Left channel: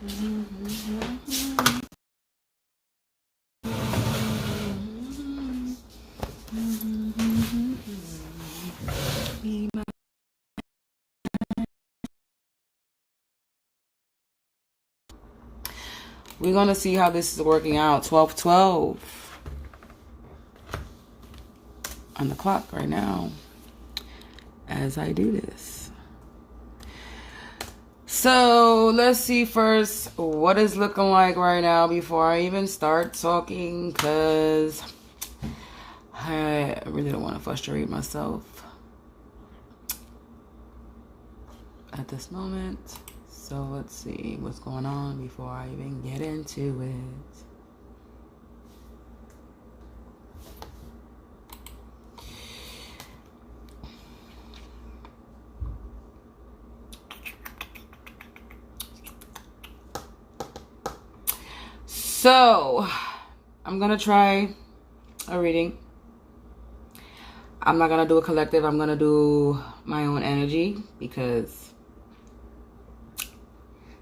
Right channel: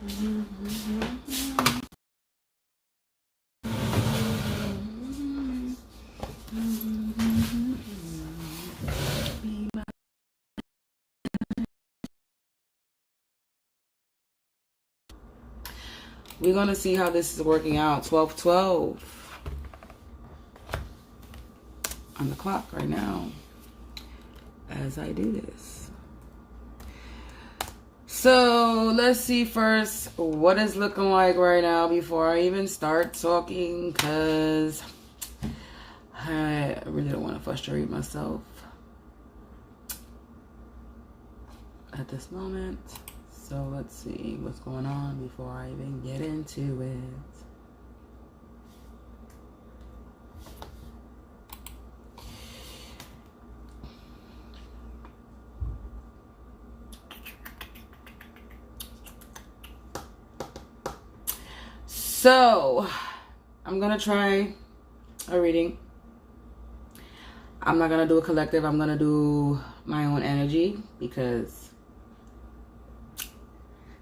We're going to see how this is working out. 12:12 on the clock right now as I do this. So let's see first what it's looking like right now before I even start talking, because I really don't want to frustrate myself at this moment. So let's see what's going on before I even get into it. So I'm going to try a reading. I'm not going to do a collective. I'm going to do my own energy, because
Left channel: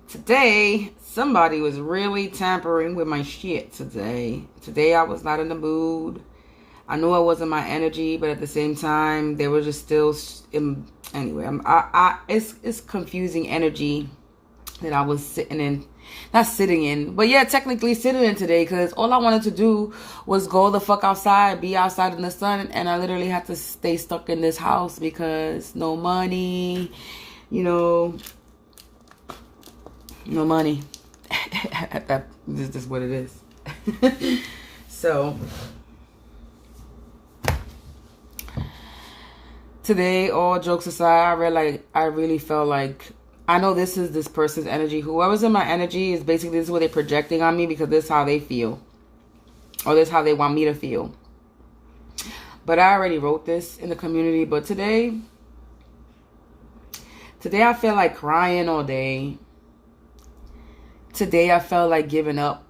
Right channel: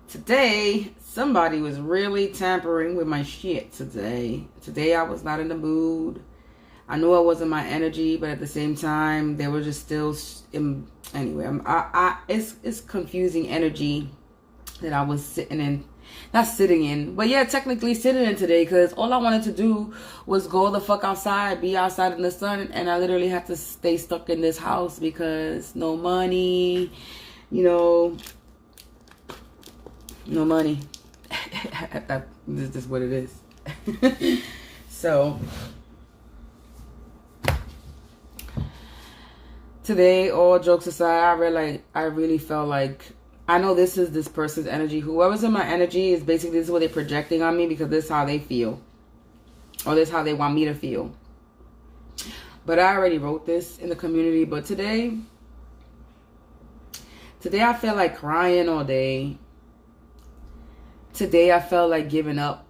today, somebody was really tampering with my shit today. Today, I was not in the mood. I knew I wasn't my energy, but at the same time, they were just still... Anyway, it's confusing energy that I was sitting in. Not sitting in, but yeah, technically sitting in today, because all I wanted to do was go the fuck outside, be outside in the sun, and I literally had to stay stuck in this house because no money, you know... No money. This is just what it is. So today, all jokes aside, I really felt like, I know this is this person's energy. Whoever's in my energy is basically, this is what they're projecting on me, because this is how they feel, or this is how they want me to feel. But I already wrote this in the community. But today I feel like crying all day. Today I felt like giving up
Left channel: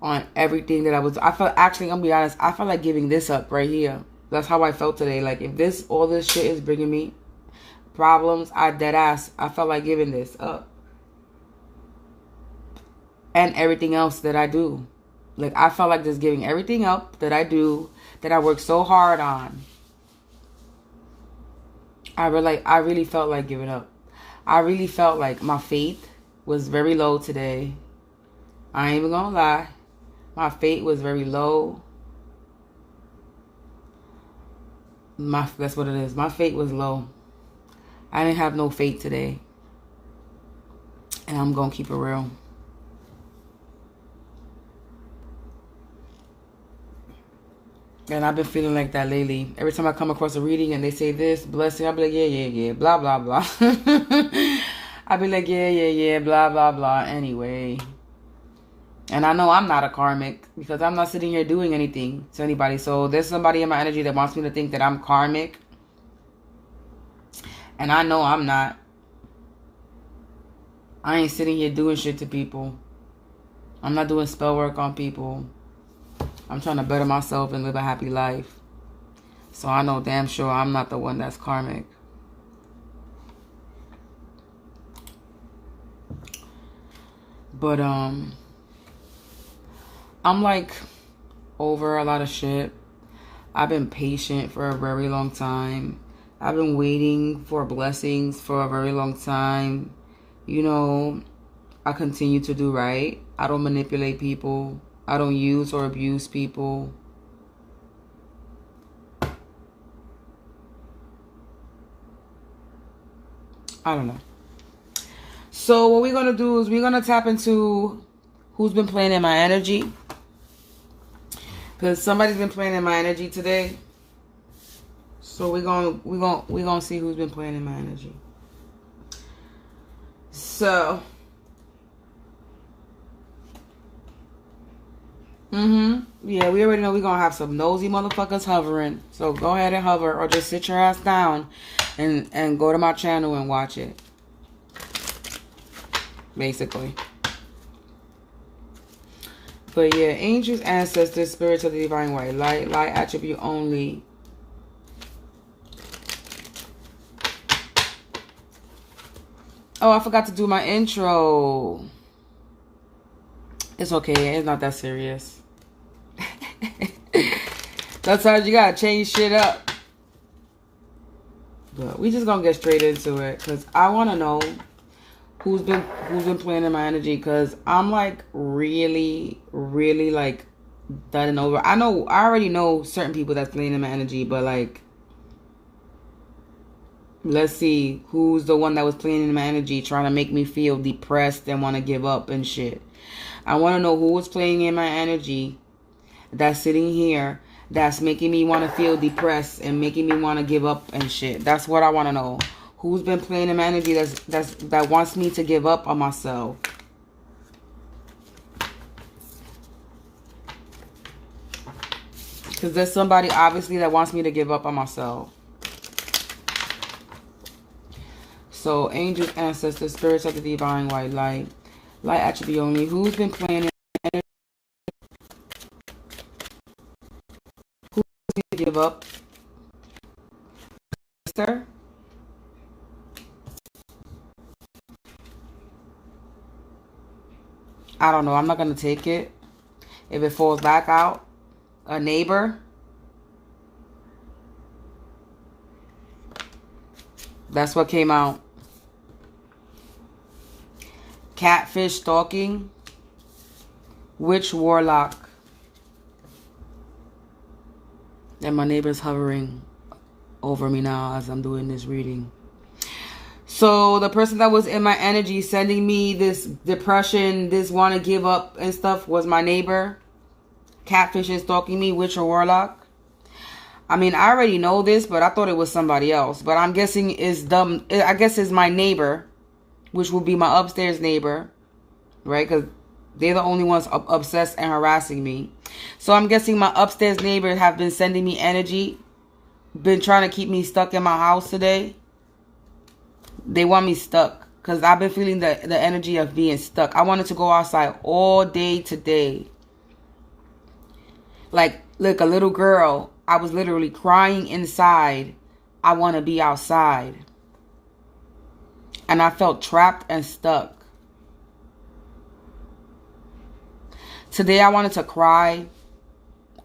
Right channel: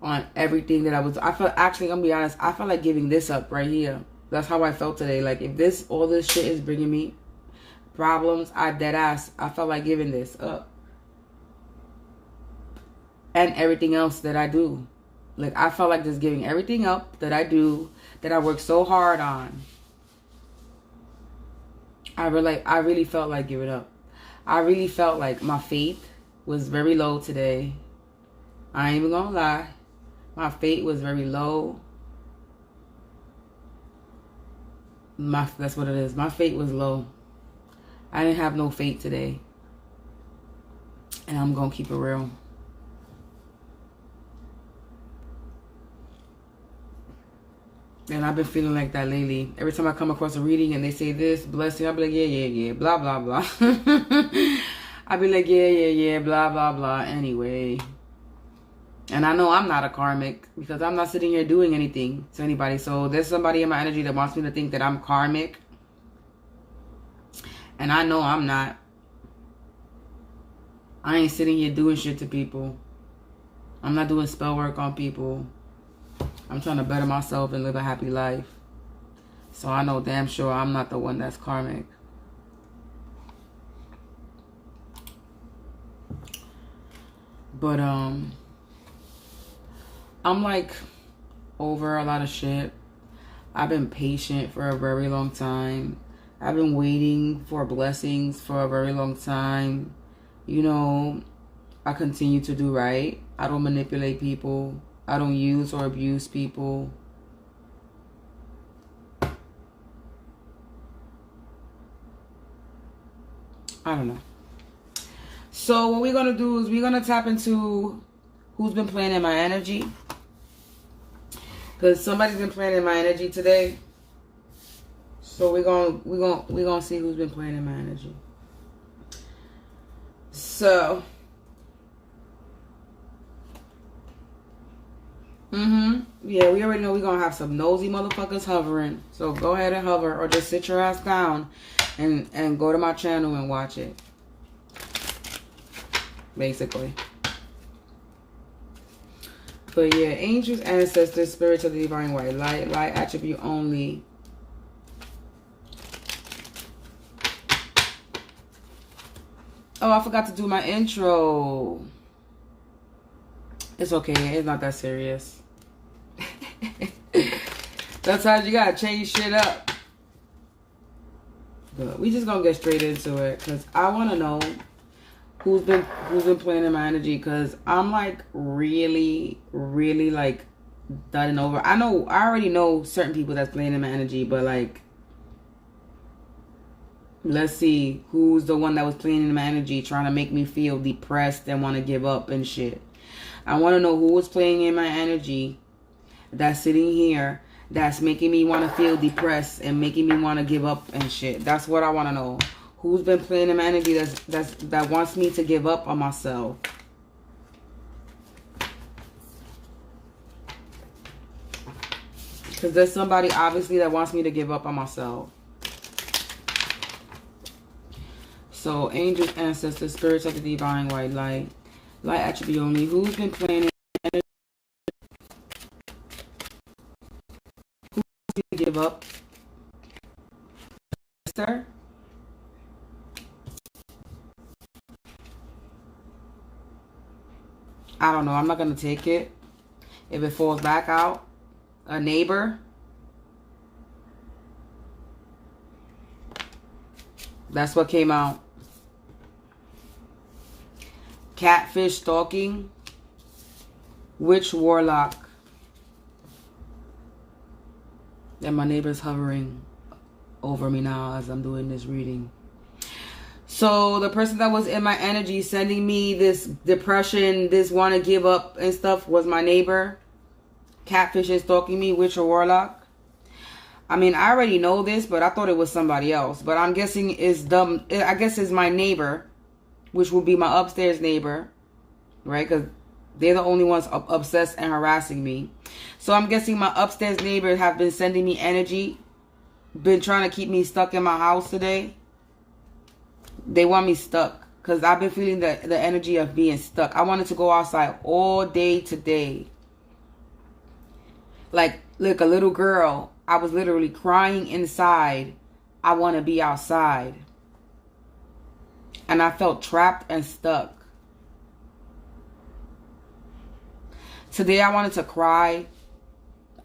on everything that I felt, actually, I'm gonna be honest, I felt like giving this up right here. That's how I felt today. Like, if all this shit is bringing me problems, I felt like giving this up. And everything else that I do. Like, I felt like just giving everything up that I do, that I work so hard on. I really felt like giving up. I really felt like my faith was very low today. I ain't even gonna lie. My faith was very low. That's what it is. My faith was low. I didn't have no faith today. And I'm gonna keep it real. And I've been feeling like that lately. Every time I come across a reading and they say this, blessing, I'll be like, yeah, blah, blah, blah. I'll be like, yeah, blah, blah, blah, anyway. And I know I'm not a karmic, because I'm not sitting here doing anything to anybody. So there's somebody in my energy that wants me to think that I'm karmic. And I know I'm not. I ain't sitting here doing shit to people. I'm not doing spell work on people. I'm trying to better myself and live a happy life. So I know damn sure I'm not the one that's karmic. But I'm like over a lot of shit. I've been patient for a very long time. I've been waiting for blessings for a very long time. You know, I continue to do right. I don't manipulate people. I don't use or abuse people. I don't know. So what we're going to do is we're going to tap into who's been playing in my energy. Because somebody's been playing in my energy today. So we're going to see who's been playing in my energy. So yeah, we already know we're going to have some nosy motherfuckers hovering. So go ahead and hover, or just sit your ass down and go to my channel and watch it. Basically. But yeah, angels, ancestors, spirits of the divine white light, light attribute only. Oh, I forgot to do my intro. It's okay. It's not that serious. Sometimes you gotta change shit up. But we just gonna get straight into it because I want to know who's been playing in my energy, because I'm like really like done and over. I already know certain people that's playing in my energy, but like, let's see who's the one that was playing in my energy trying to make me feel depressed and want to give up and shit. I want to know who was playing in my energy that's sitting here that's making me want to feel depressed and making me want to give up and shit. That's what I want to know. Who's been playing in my energy that wants me to give up on myself? Because there's somebody obviously that wants me to give up on myself. So, angels, ancestors, spirits of the divine white light, light attribute only. Who's been playing in energy? Who wants me to give up? Sir? I don't know. I'm not going to take it. If it falls back out. A neighbor. That's what came out. Catfish stalking. Witch warlock. And my neighbor's hovering over me now as I'm doing this reading. So the person that was in my energy sending me this depression, this want to give up and stuff was my neighbor. Catfish is stalking me, witch or warlock. I mean, I already know this, but I thought it was somebody else. But I'm guessing it's dumb. I guess it's my neighbor, which will be my upstairs neighbor, right? Because they're the only ones obsessed and harassing me. So I'm guessing my upstairs neighbors have been sending me energy, been trying to keep me stuck in my house today. They want me stuck because I've been feeling the energy of being stuck. I wanted to go outside all day today. Like a little girl, I was literally crying inside. I want to be outside. And I felt trapped and stuck. Today I wanted to cry.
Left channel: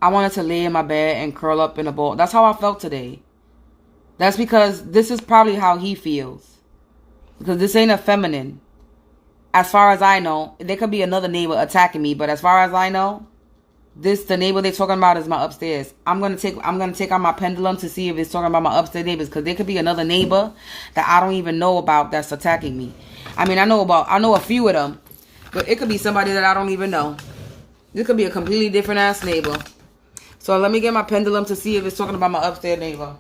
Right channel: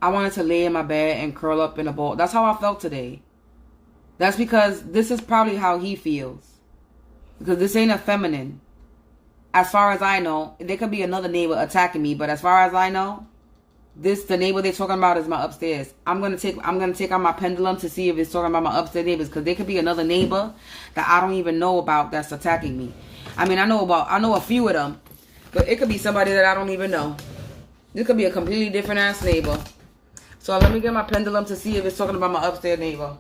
I wanted to lay in my bed and curl up in a ball. That's how I felt today. That's because this is probably how he feels. Because this ain't a feminine. As far as I know, there could be another neighbor attacking me, but as far as I know, the neighbor they're talking about is my upstairs. I'm gonna take out my pendulum to see if it's talking about my upstairs neighbors, because there could be another neighbor that I don't even know about that's attacking me. I mean, I know a few of them, but it could be somebody that I don't even know. This could be a completely different ass neighbor. So let me get my pendulum to see if it's talking about my upstairs neighbor.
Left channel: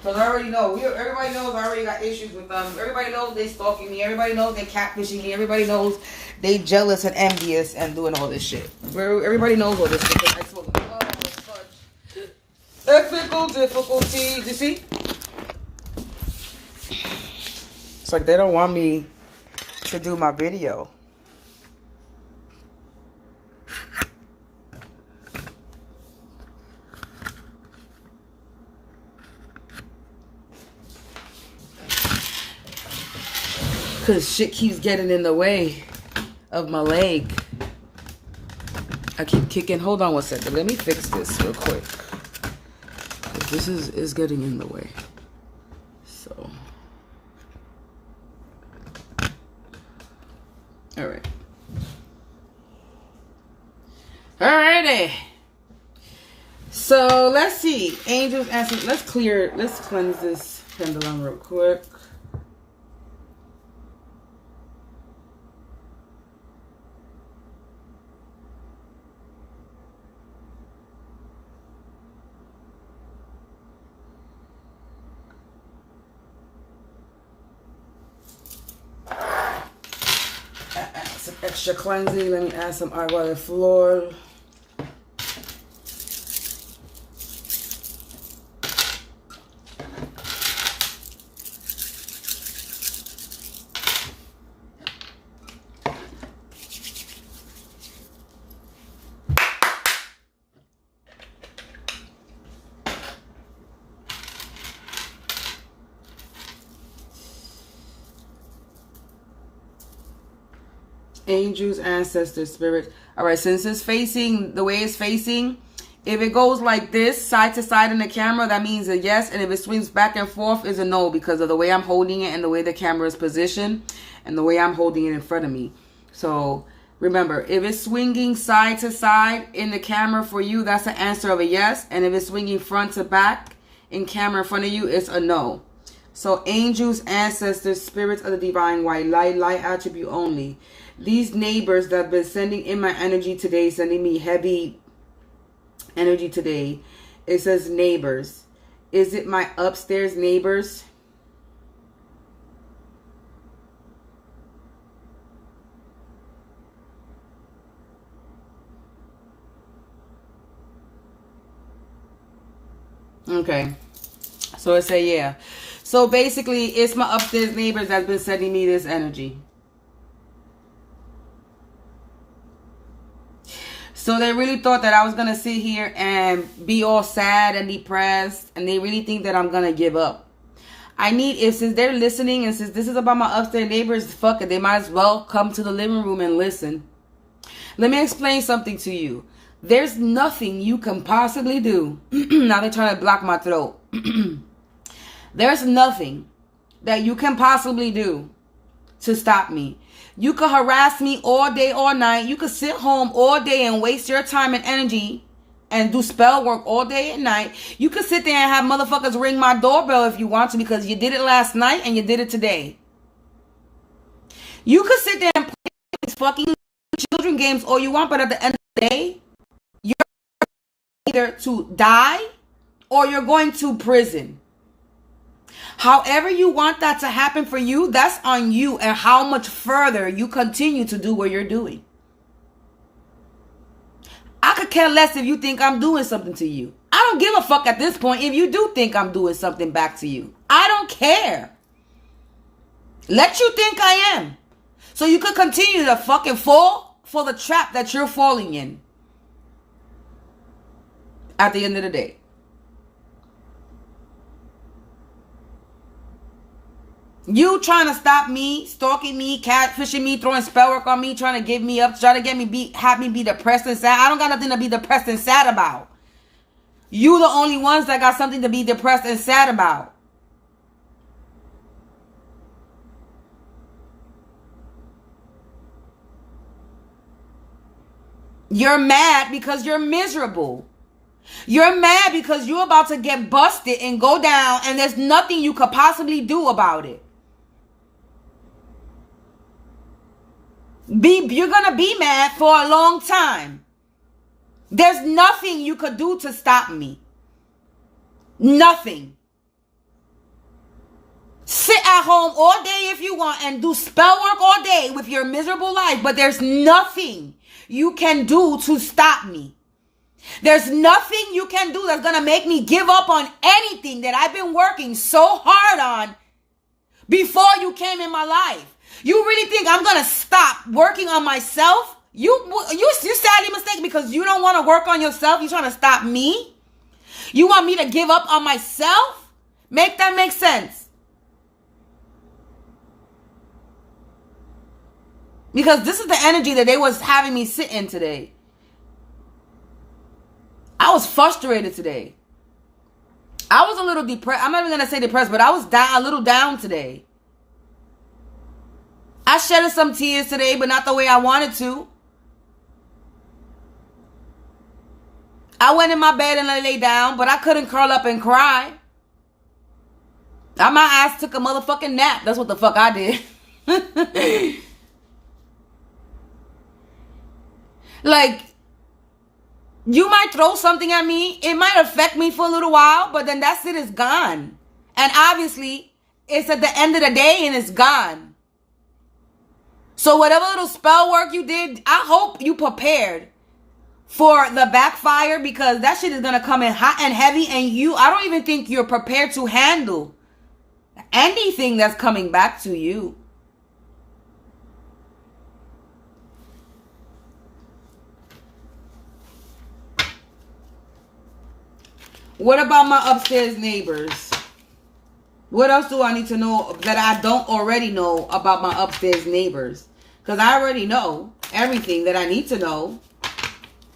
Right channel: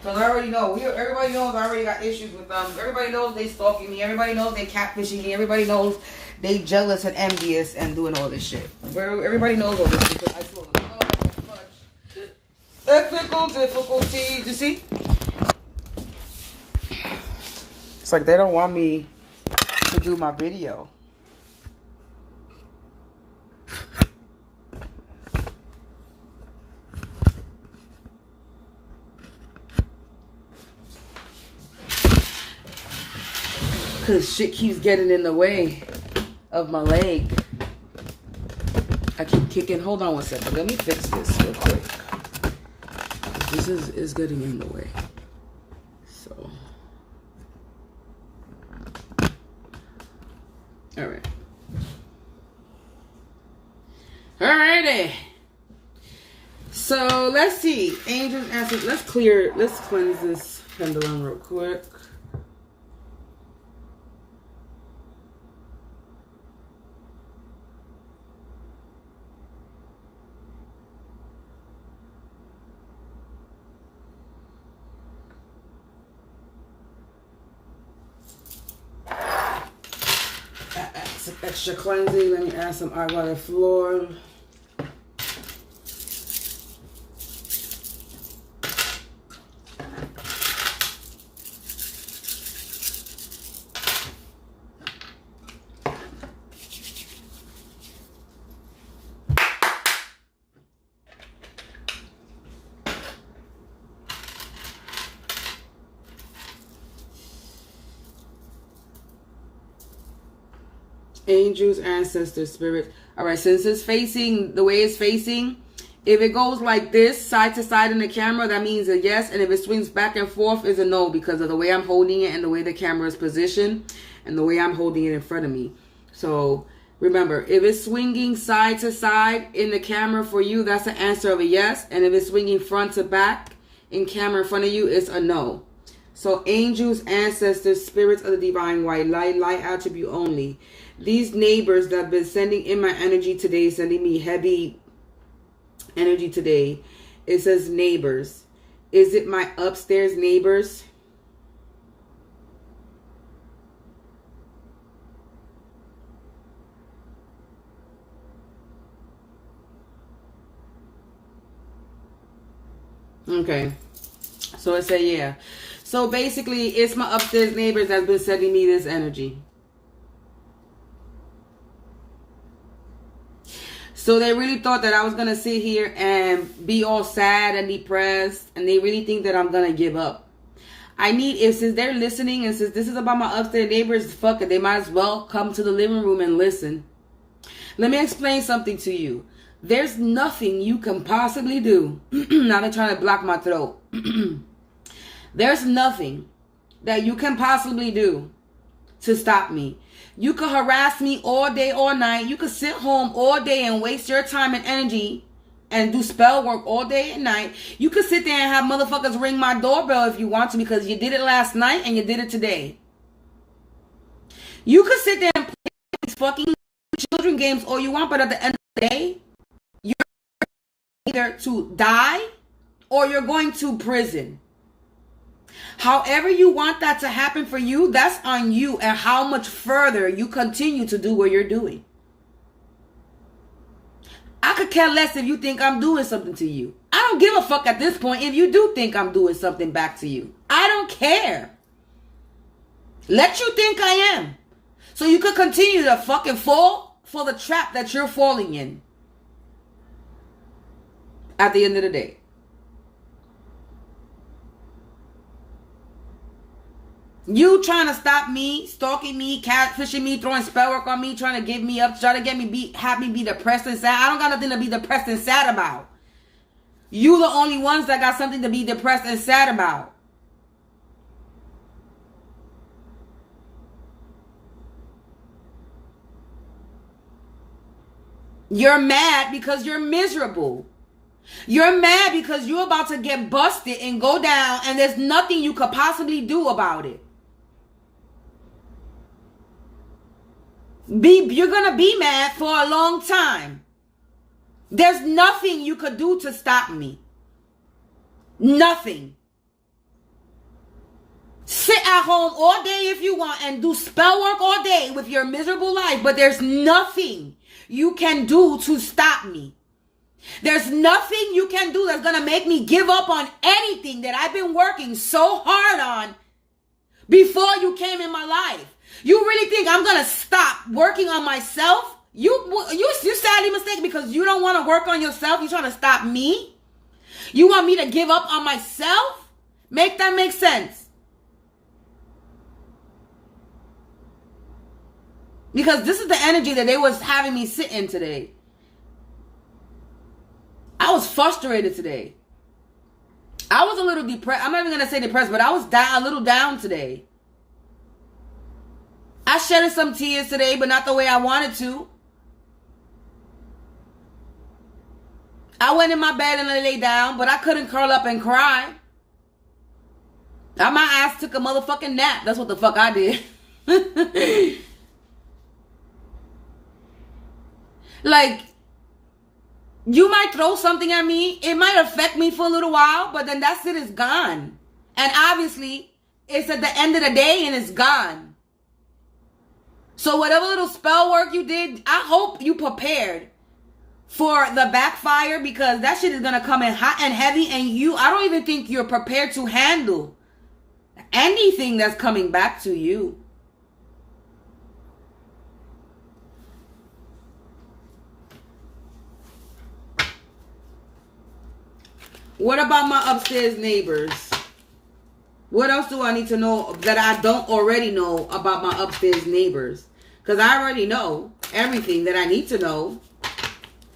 Because I already know. Everybody knows I already got issues with them. Everybody knows they stalking me. Everybody knows they catfishing me. Everybody knows they jealous and envious and doing all this shit. Everybody knows all this shit. I told them, technical difficulties. You see? It's like they don't want me to do my video. Because shit keeps getting in the way of my leg. I keep kicking. Hold on one second. Let me fix this real quick. This is getting in the way. So. Alright. Alrighty. So, let's see. Angels asking. Let's cleanse this pendulum real quick. Some extra cleansing. Let me add some agua de flor. Angels, ancestors, spirit. All right, since it's facing the way it's facing, if it goes like this, side to side in the camera, that means a yes. And if it swings back and forth, is a no, because of the way I'm holding it and the way the camera is positioned and the way I'm holding it in front of me. So remember, if it's swinging side to side in the camera for you, that's an answer of a yes. And if it's swinging front to back in camera in front of you, it's a no. So angels, ancestors, spirits of the divine white light, light attribute only. These neighbors that have been sending in my energy today, sending me heavy energy today. It says neighbors. Is it my upstairs neighbors? Okay. So it say yeah. So basically it's my upstairs neighbors that's been sending me this energy. So they really thought that I was going to sit here and be all sad and depressed. And they really think that I'm going to give up. I need, if since they're listening and since this is about my upstairs neighbors, fuck it, they might as well come to the living room and listen. Let me explain something to you. There's nothing you can possibly do. Now they're trying to block my throat. There's nothing that you can possibly do to stop me. You could harass me all day, all night. You could sit home all day and waste your time and energy and do spell work all day and night. You could sit there and have motherfuckers ring my doorbell if you want to, because you did it last night and you did it today. You could sit there and play these fucking children games all you want, but at the end of the day, you're either to die or you're going to prison. However you want that to happen for you, that's on you and how much further you continue to do what you're doing. I could care less if you think I'm doing something to you. I don't give a fuck at this point if you do think I'm doing something back to you. I don't care. Let you think I am. So you could continue to fucking fall for the trap that you're falling in. At the end of the day. You trying to stop me, stalking me, catfishing me, throwing spell work on me, trying to give me up, trying to get me have me be depressed and sad. I don't got nothing to be depressed and sad about. You the only ones that got something to be depressed and sad about. You're mad because you're miserable. You're mad because you're about to get busted and go down and there's nothing you could possibly do about it. You're going to be mad for a long time. There's nothing you could do to stop me. Nothing. Sit at home all day if you want and do spell work all day with your miserable life, but there's nothing you can do to stop me. There's nothing you can do that's going to make me give up on anything that I've been working so hard on before you came in my life. You really think I'm going to stop working on myself? You're sadly mistaken, because you don't want to work on yourself. You're trying to stop me. You want me to give up on myself? Make that make sense. Because this is the energy that they was having me sit in today. I was frustrated today. I was a little depressed. I'm not even going to say depressed, but I was a little down today. I shedded some tears today, but not the way I wanted to. I went in my bed and I lay down, but I couldn't curl up and cry. My ass took a motherfucking nap. That's what the fuck I did. Like, you might throw something at me. It might affect me for a little while, but then that shit is gone. And obviously, it's at the end of the day and it's gone. So whatever little spell work you did, I hope you prepared for the backfire, because that shit is going to come in hot and heavy, and I don't even think you're prepared to handle anything that's coming back to you. What about my upstairs neighbors? What else do I need to know that I don't already know about my upstairs neighbors? Because I already know everything that I need to know.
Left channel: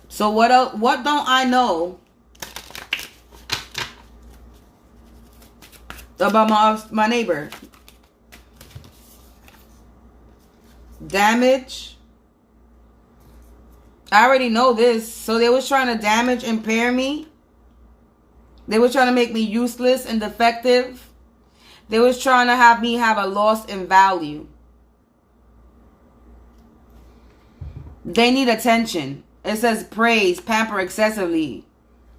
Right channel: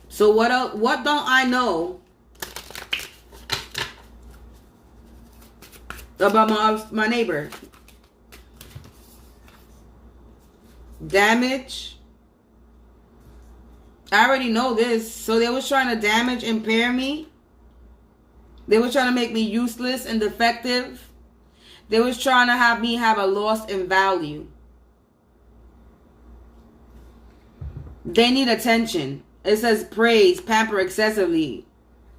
So what else, what don't I know about my neighbor? Damage. I already know this. So they was trying to damage, impair me. They were trying to make me useless and defective. They was trying to have me have a loss in value. They need attention. It says praise, pamper excessively.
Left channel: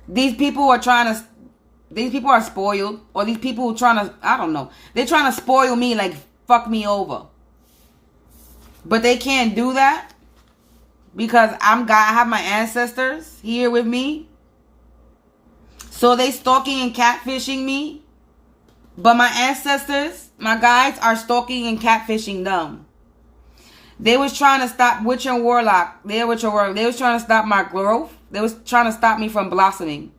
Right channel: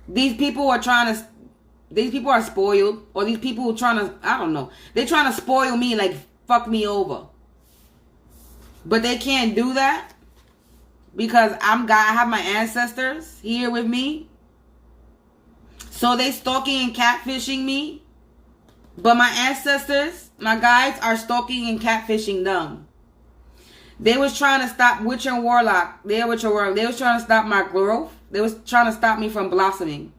These people are spoiled. Or these people are trying to, I don't know. They're trying to spoil me, like fuck me over. But they can't do that. Because I have my ancestors here with me. So they stalking and catfishing me. But my ancestors, my guides, are stalking and catfishing them. They was trying to stop witch and warlock. They was trying to stop my growth. They was trying to stop me from blossoming.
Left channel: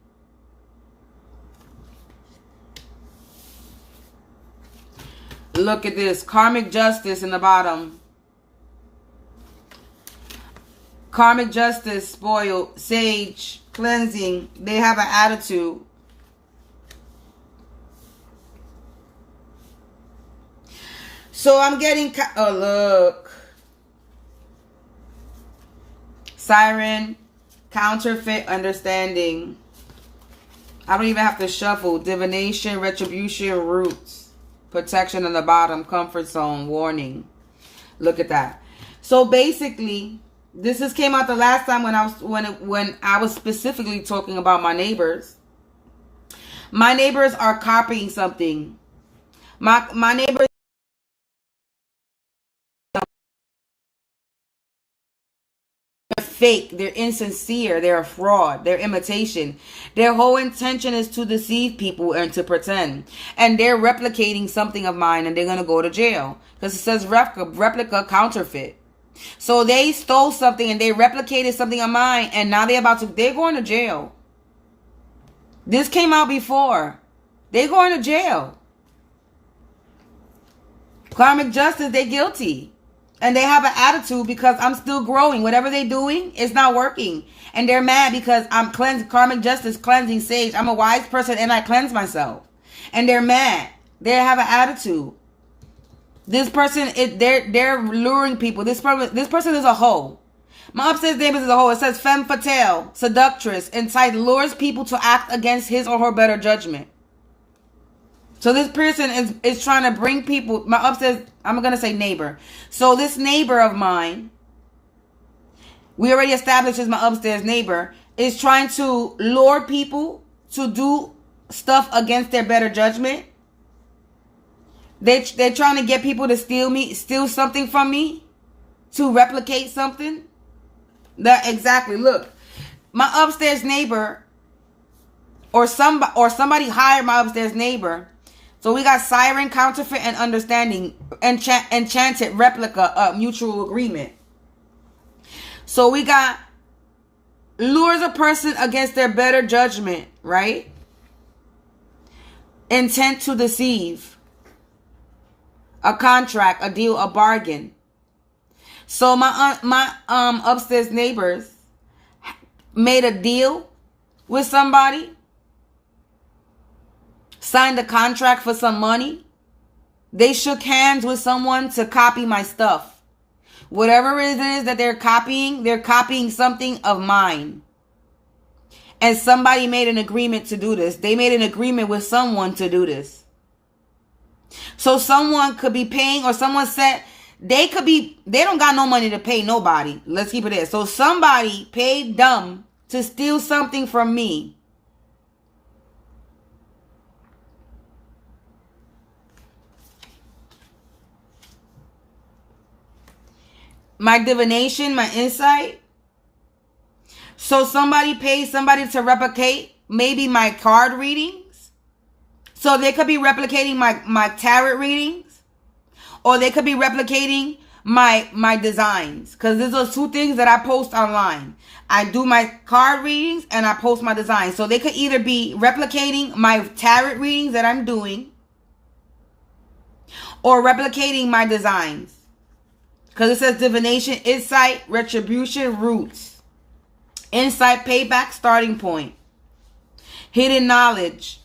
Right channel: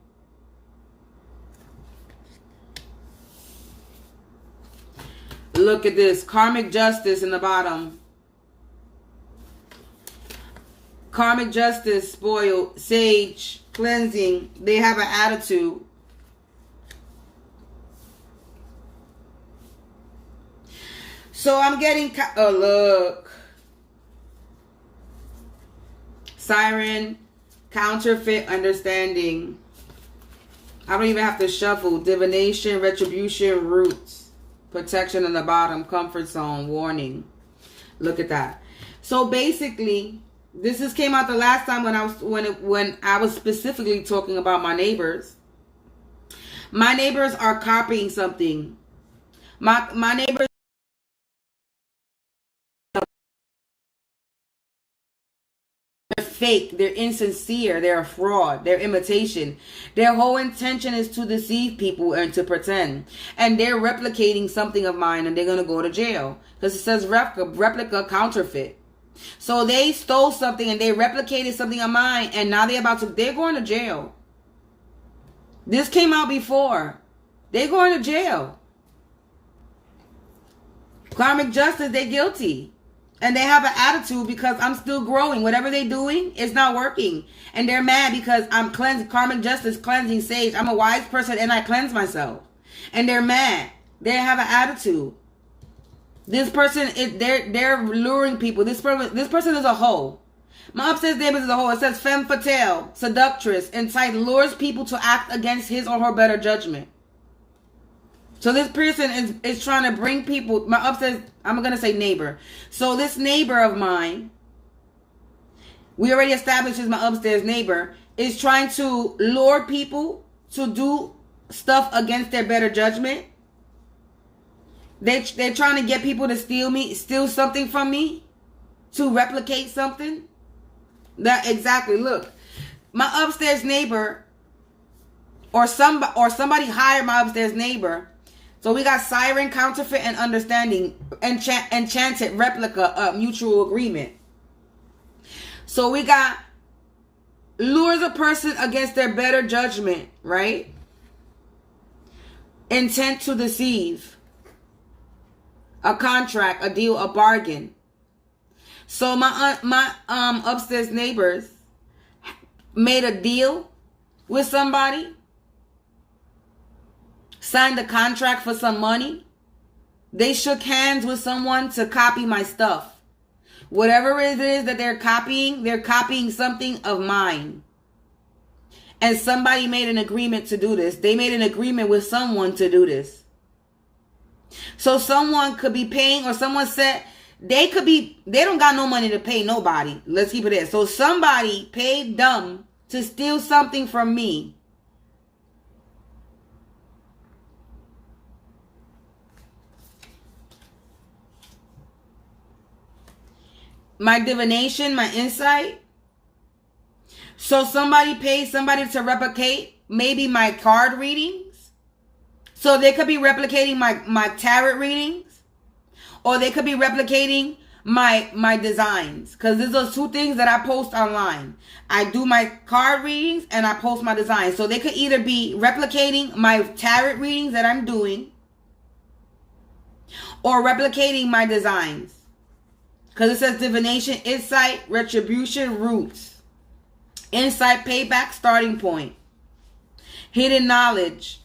Look at this. Karmic justice in the bottom. Karmic justice, spoiled, sage, cleansing. They have an attitude. So I'm getting, oh look. Siren, counterfeit understanding. I don't even have to shuffle. Divination, retribution, roots. Protection in the bottom, comfort zone, warning. Look at that. So basically, this just came out the last time when I was specifically talking about my neighbors. My neighbors are copying something. My neighbors are fake. They're insincere. They're a fraud. They're imitation. Their whole intention is to deceive people and to pretend. And they're replicating something of mine, and they're going to go to jail. Because it says replica, counterfeit. So they stole something and they replicated something of mine, and now they're going to jail. This came out before. They're going to jail. Karmic justice, they're guilty. And they have an attitude because I'm still growing. Whatever they're doing is not working. And they're mad because I'm cleansing, karmic justice, cleansing sage. I'm a wise person and I cleanse myself. And they're mad. They have an attitude. This person, they're luring people. This person is a hoe. My upstairs neighbor is a hoe. It says femme fatale, seductress, entitled, lures people to act against his or her better judgment. So this person is trying to bring people, my upstairs, I'm going to say neighbor. So this neighbor of mine, we already established as my upstairs neighbor, is trying to lure people to do stuff against their better judgment. They're trying to get people to steal something from me, to replicate something. That exactly. Look, my upstairs neighbor, or somebody hired my upstairs neighbor. So we got siren, counterfeit, and understanding, enchanted, replica, mutual agreement. So we got lures a person against their better judgment, right? Intent to deceive. A contract, a deal, a bargain. So my upstairs neighbors made a deal with somebody, signed a contract for some money. They shook hands with someone to copy my stuff. Whatever it is that they're copying something of mine. And somebody made an agreement to do this. They made an agreement with someone to do this. So someone could be paying, or someone said they don't got no money to pay nobody. Let's keep it there. So somebody paid them to steal something from me. My divination, my insight. So somebody paid somebody to replicate maybe my card readings. So they could be replicating my tarot readings, or they could be replicating my designs. Because these are two things that I post online. I do my card readings and I post my designs. So they could either be replicating my tarot readings that I'm doing, or replicating my designs. Because it says divination, insight, retribution, roots. Insight, payback, starting point. Hidden knowledge.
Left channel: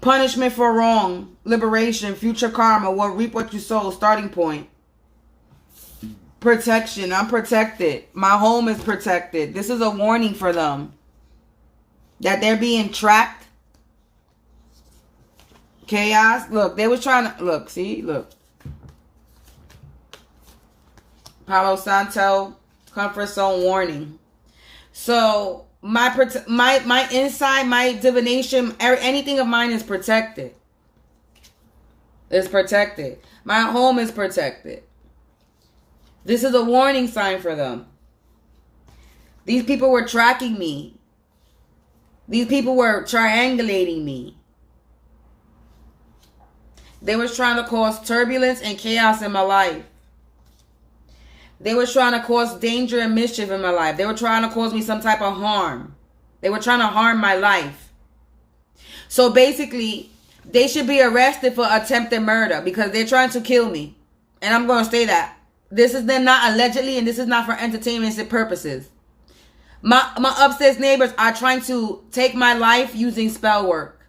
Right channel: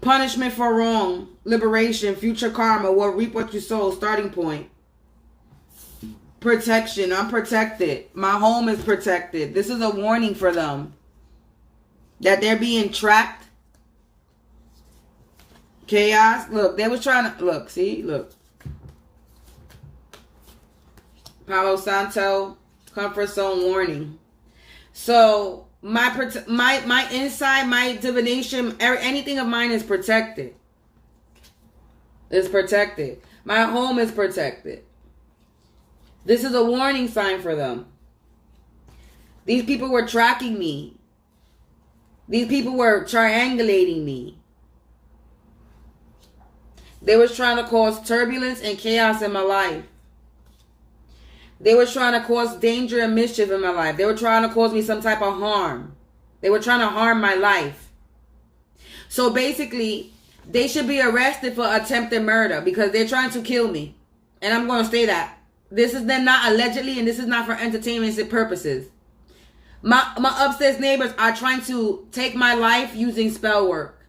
Punishment for wrong. Liberation, future karma. Will reap what you sow, starting point. Protection, I'm protected. My home is protected. This is a warning for them. That they're being trapped. Chaos. Look, they was trying to... Look, see? Look. Palo Santo, comfort zone warning. So, my inside, my divination, anything of mine is protected. It's protected. My home is protected. This is a warning sign for them. These people were tracking me. These people were triangulating me. They was trying to cause turbulence and chaos in my life. They were trying to cause danger and mischief in my life. They were trying to cause me some type of harm. They were trying to harm my life. So basically, they should be arrested for attempted murder because they're trying to kill me. And I'm going to say that. This is then not allegedly, and this is not for entertainment purposes. My upstairs neighbors are trying to take my life using spell work.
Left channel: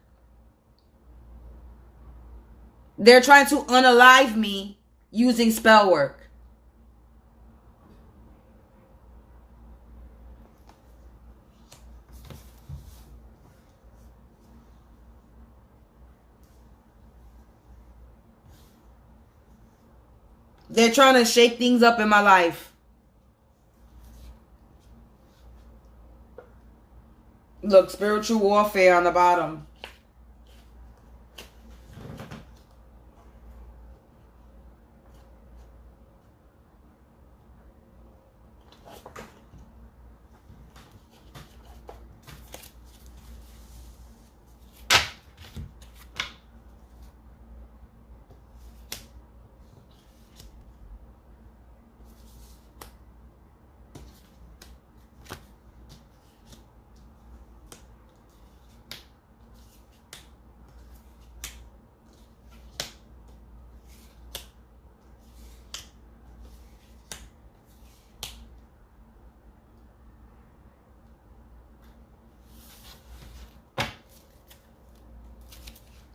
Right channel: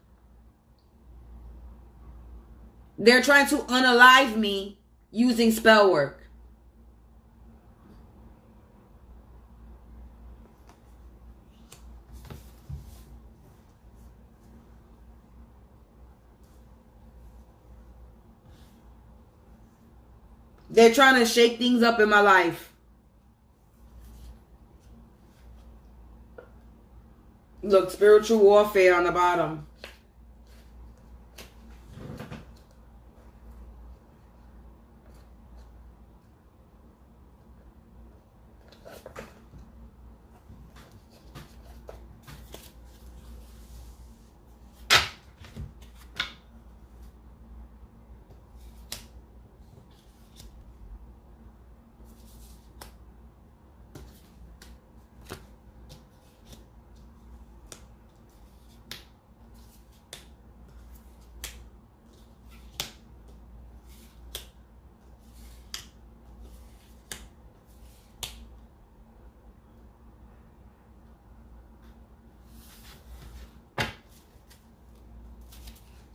They're trying to unalive me using spell work. They're trying to shake things up in my life. Look, spiritual warfare on the bottom.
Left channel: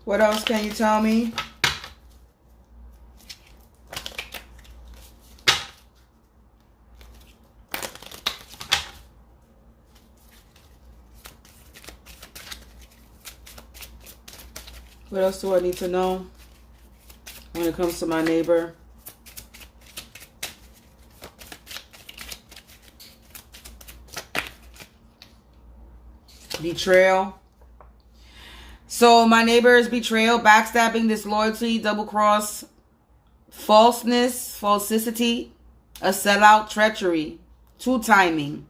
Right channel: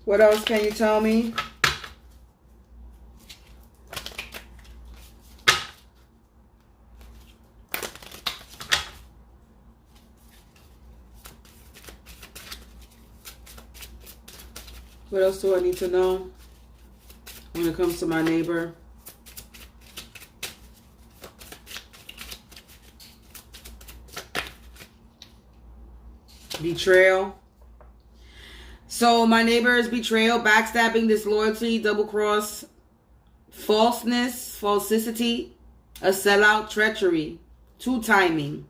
What else can you tell me? What else do I need to know when it comes to my neighbor? Betrayal. So my neighbor is betrayal, backstabbing, disloyalty, double cross, falseness, falsicity, a sellout, treachery, two-timing.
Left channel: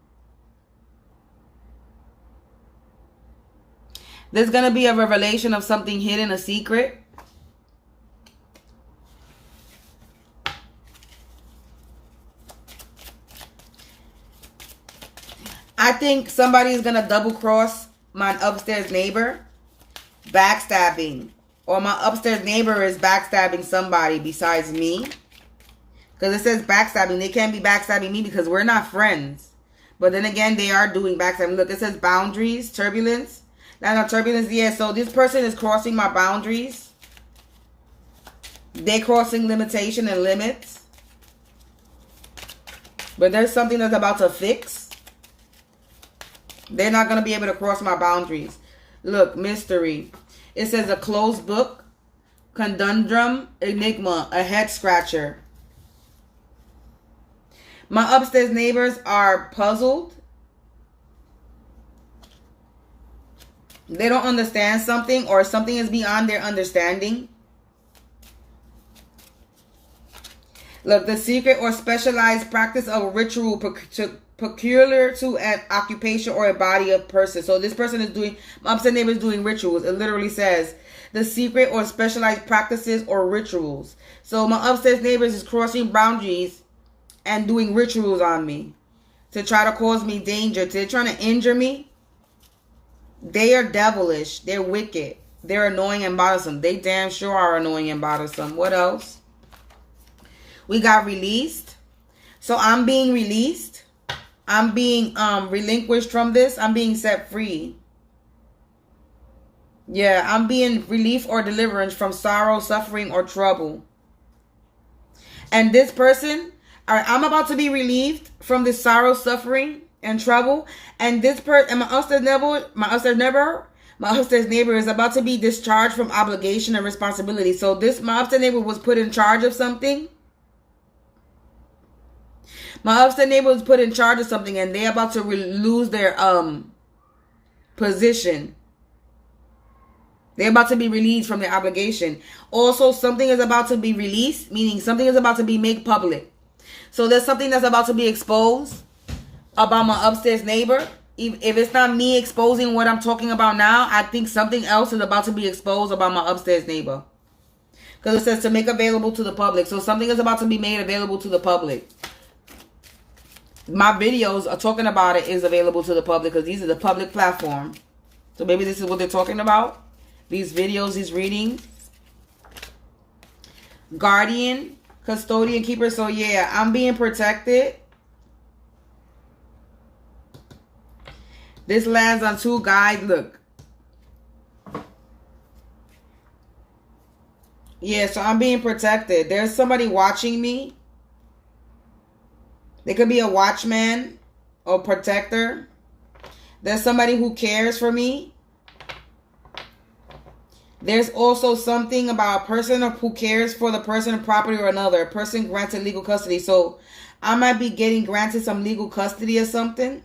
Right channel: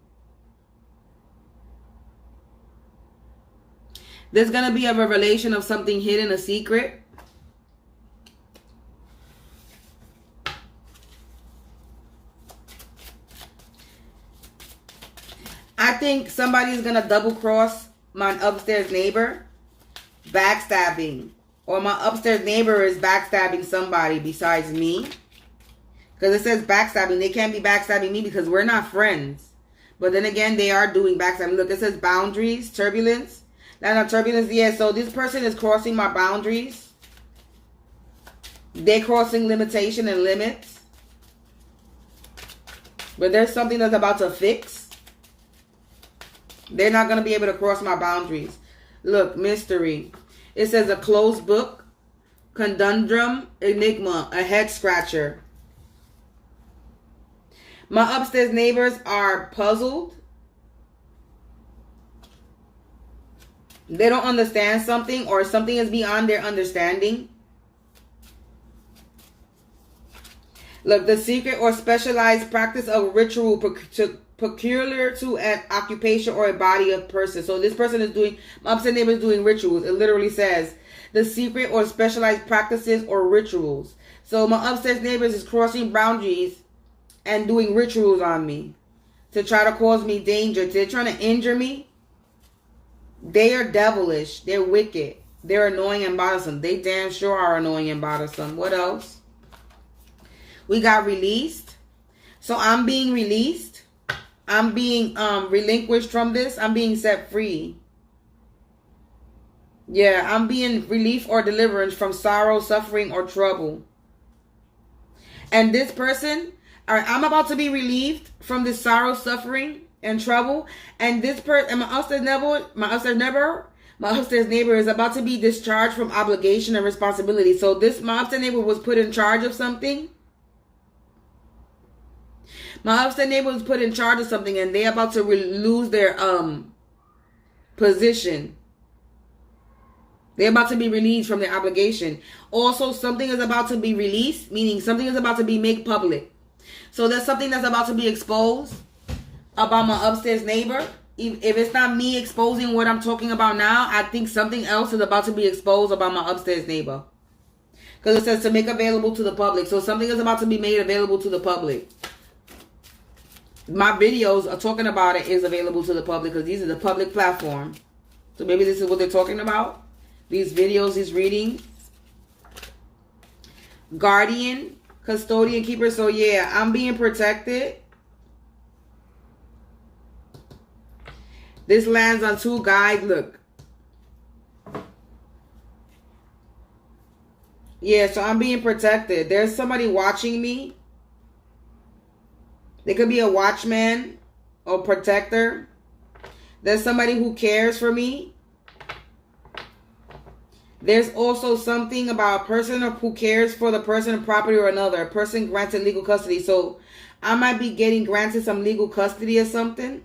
There's going to be a revelation of something hidden, a secret. I think somebody's going to double cross my upstairs neighbor. Backstabbing, or my upstairs neighbor is backstabbing somebody besides me, because it says backstabbing. They can't be backstabbing me because we're not friends, but then again they are doing backstabbing. Look, it says boundaries, turbulence. Now turbulence, yeah, so this person is crossing my boundaries. They're crossing limitation and limits, but there's something that's about to fix. They're not going to be able to cross my boundaries. Look, mystery. It says a closed book, conundrum, enigma, a head scratcher. My upstairs neighbors are puzzled. They don't understand something, or something is beyond their understanding. Look, the secret or specialized practice of ritual peculiar to an occupation or a body of person. So this person is doing, my upstairs neighbor is doing rituals. It literally says the secret or specialized practices or rituals. So my upstairs neighbors is crossing boundaries and doing rituals on me to try to cause me danger. They're trying to injure me. They are devilish. They're wicked. They're annoying and bothersome. They damn sure are annoying and bothersome. What else? We got released. So I'm being released. I'm being relinquished from this. I'm being set free. Yeah, I'm being relief or deliverance from sorrow, suffering, or trouble. And this person, I'm about to be relieved from this sorrow, suffering, and trouble. And this person, and my upstairs neighbor is about to be discharged from obligation and responsibility. So my upstairs neighbor was put in charge of something. My upstairs neighbor was put in charge of something, and they're about to lose their position. They're about to be released from their obligation. Also, something is about to be released, meaning something is about to be made public. So there's something that's about to be exposed about my upstairs neighbor. If it's not me exposing what I'm talking about now, I think something else is about to be exposed about my upstairs neighbor. Because it says to make available to the public. So something is about to be made available to the public. My videos are talking about it is available to the public because these are the public platform. So maybe this is what they're talking about. These videos, these readings. Guardian, custodian, keeper. So yeah, I'm being protected. This lands on 2 guys. Look. Yeah, so I'm being protected. There's somebody watching me. There could be a watchman or protector. There's somebody who cares for me. There's also something about a person who cares for the person of property or another. A person granted legal custody. So I might be getting granted some legal custody or something.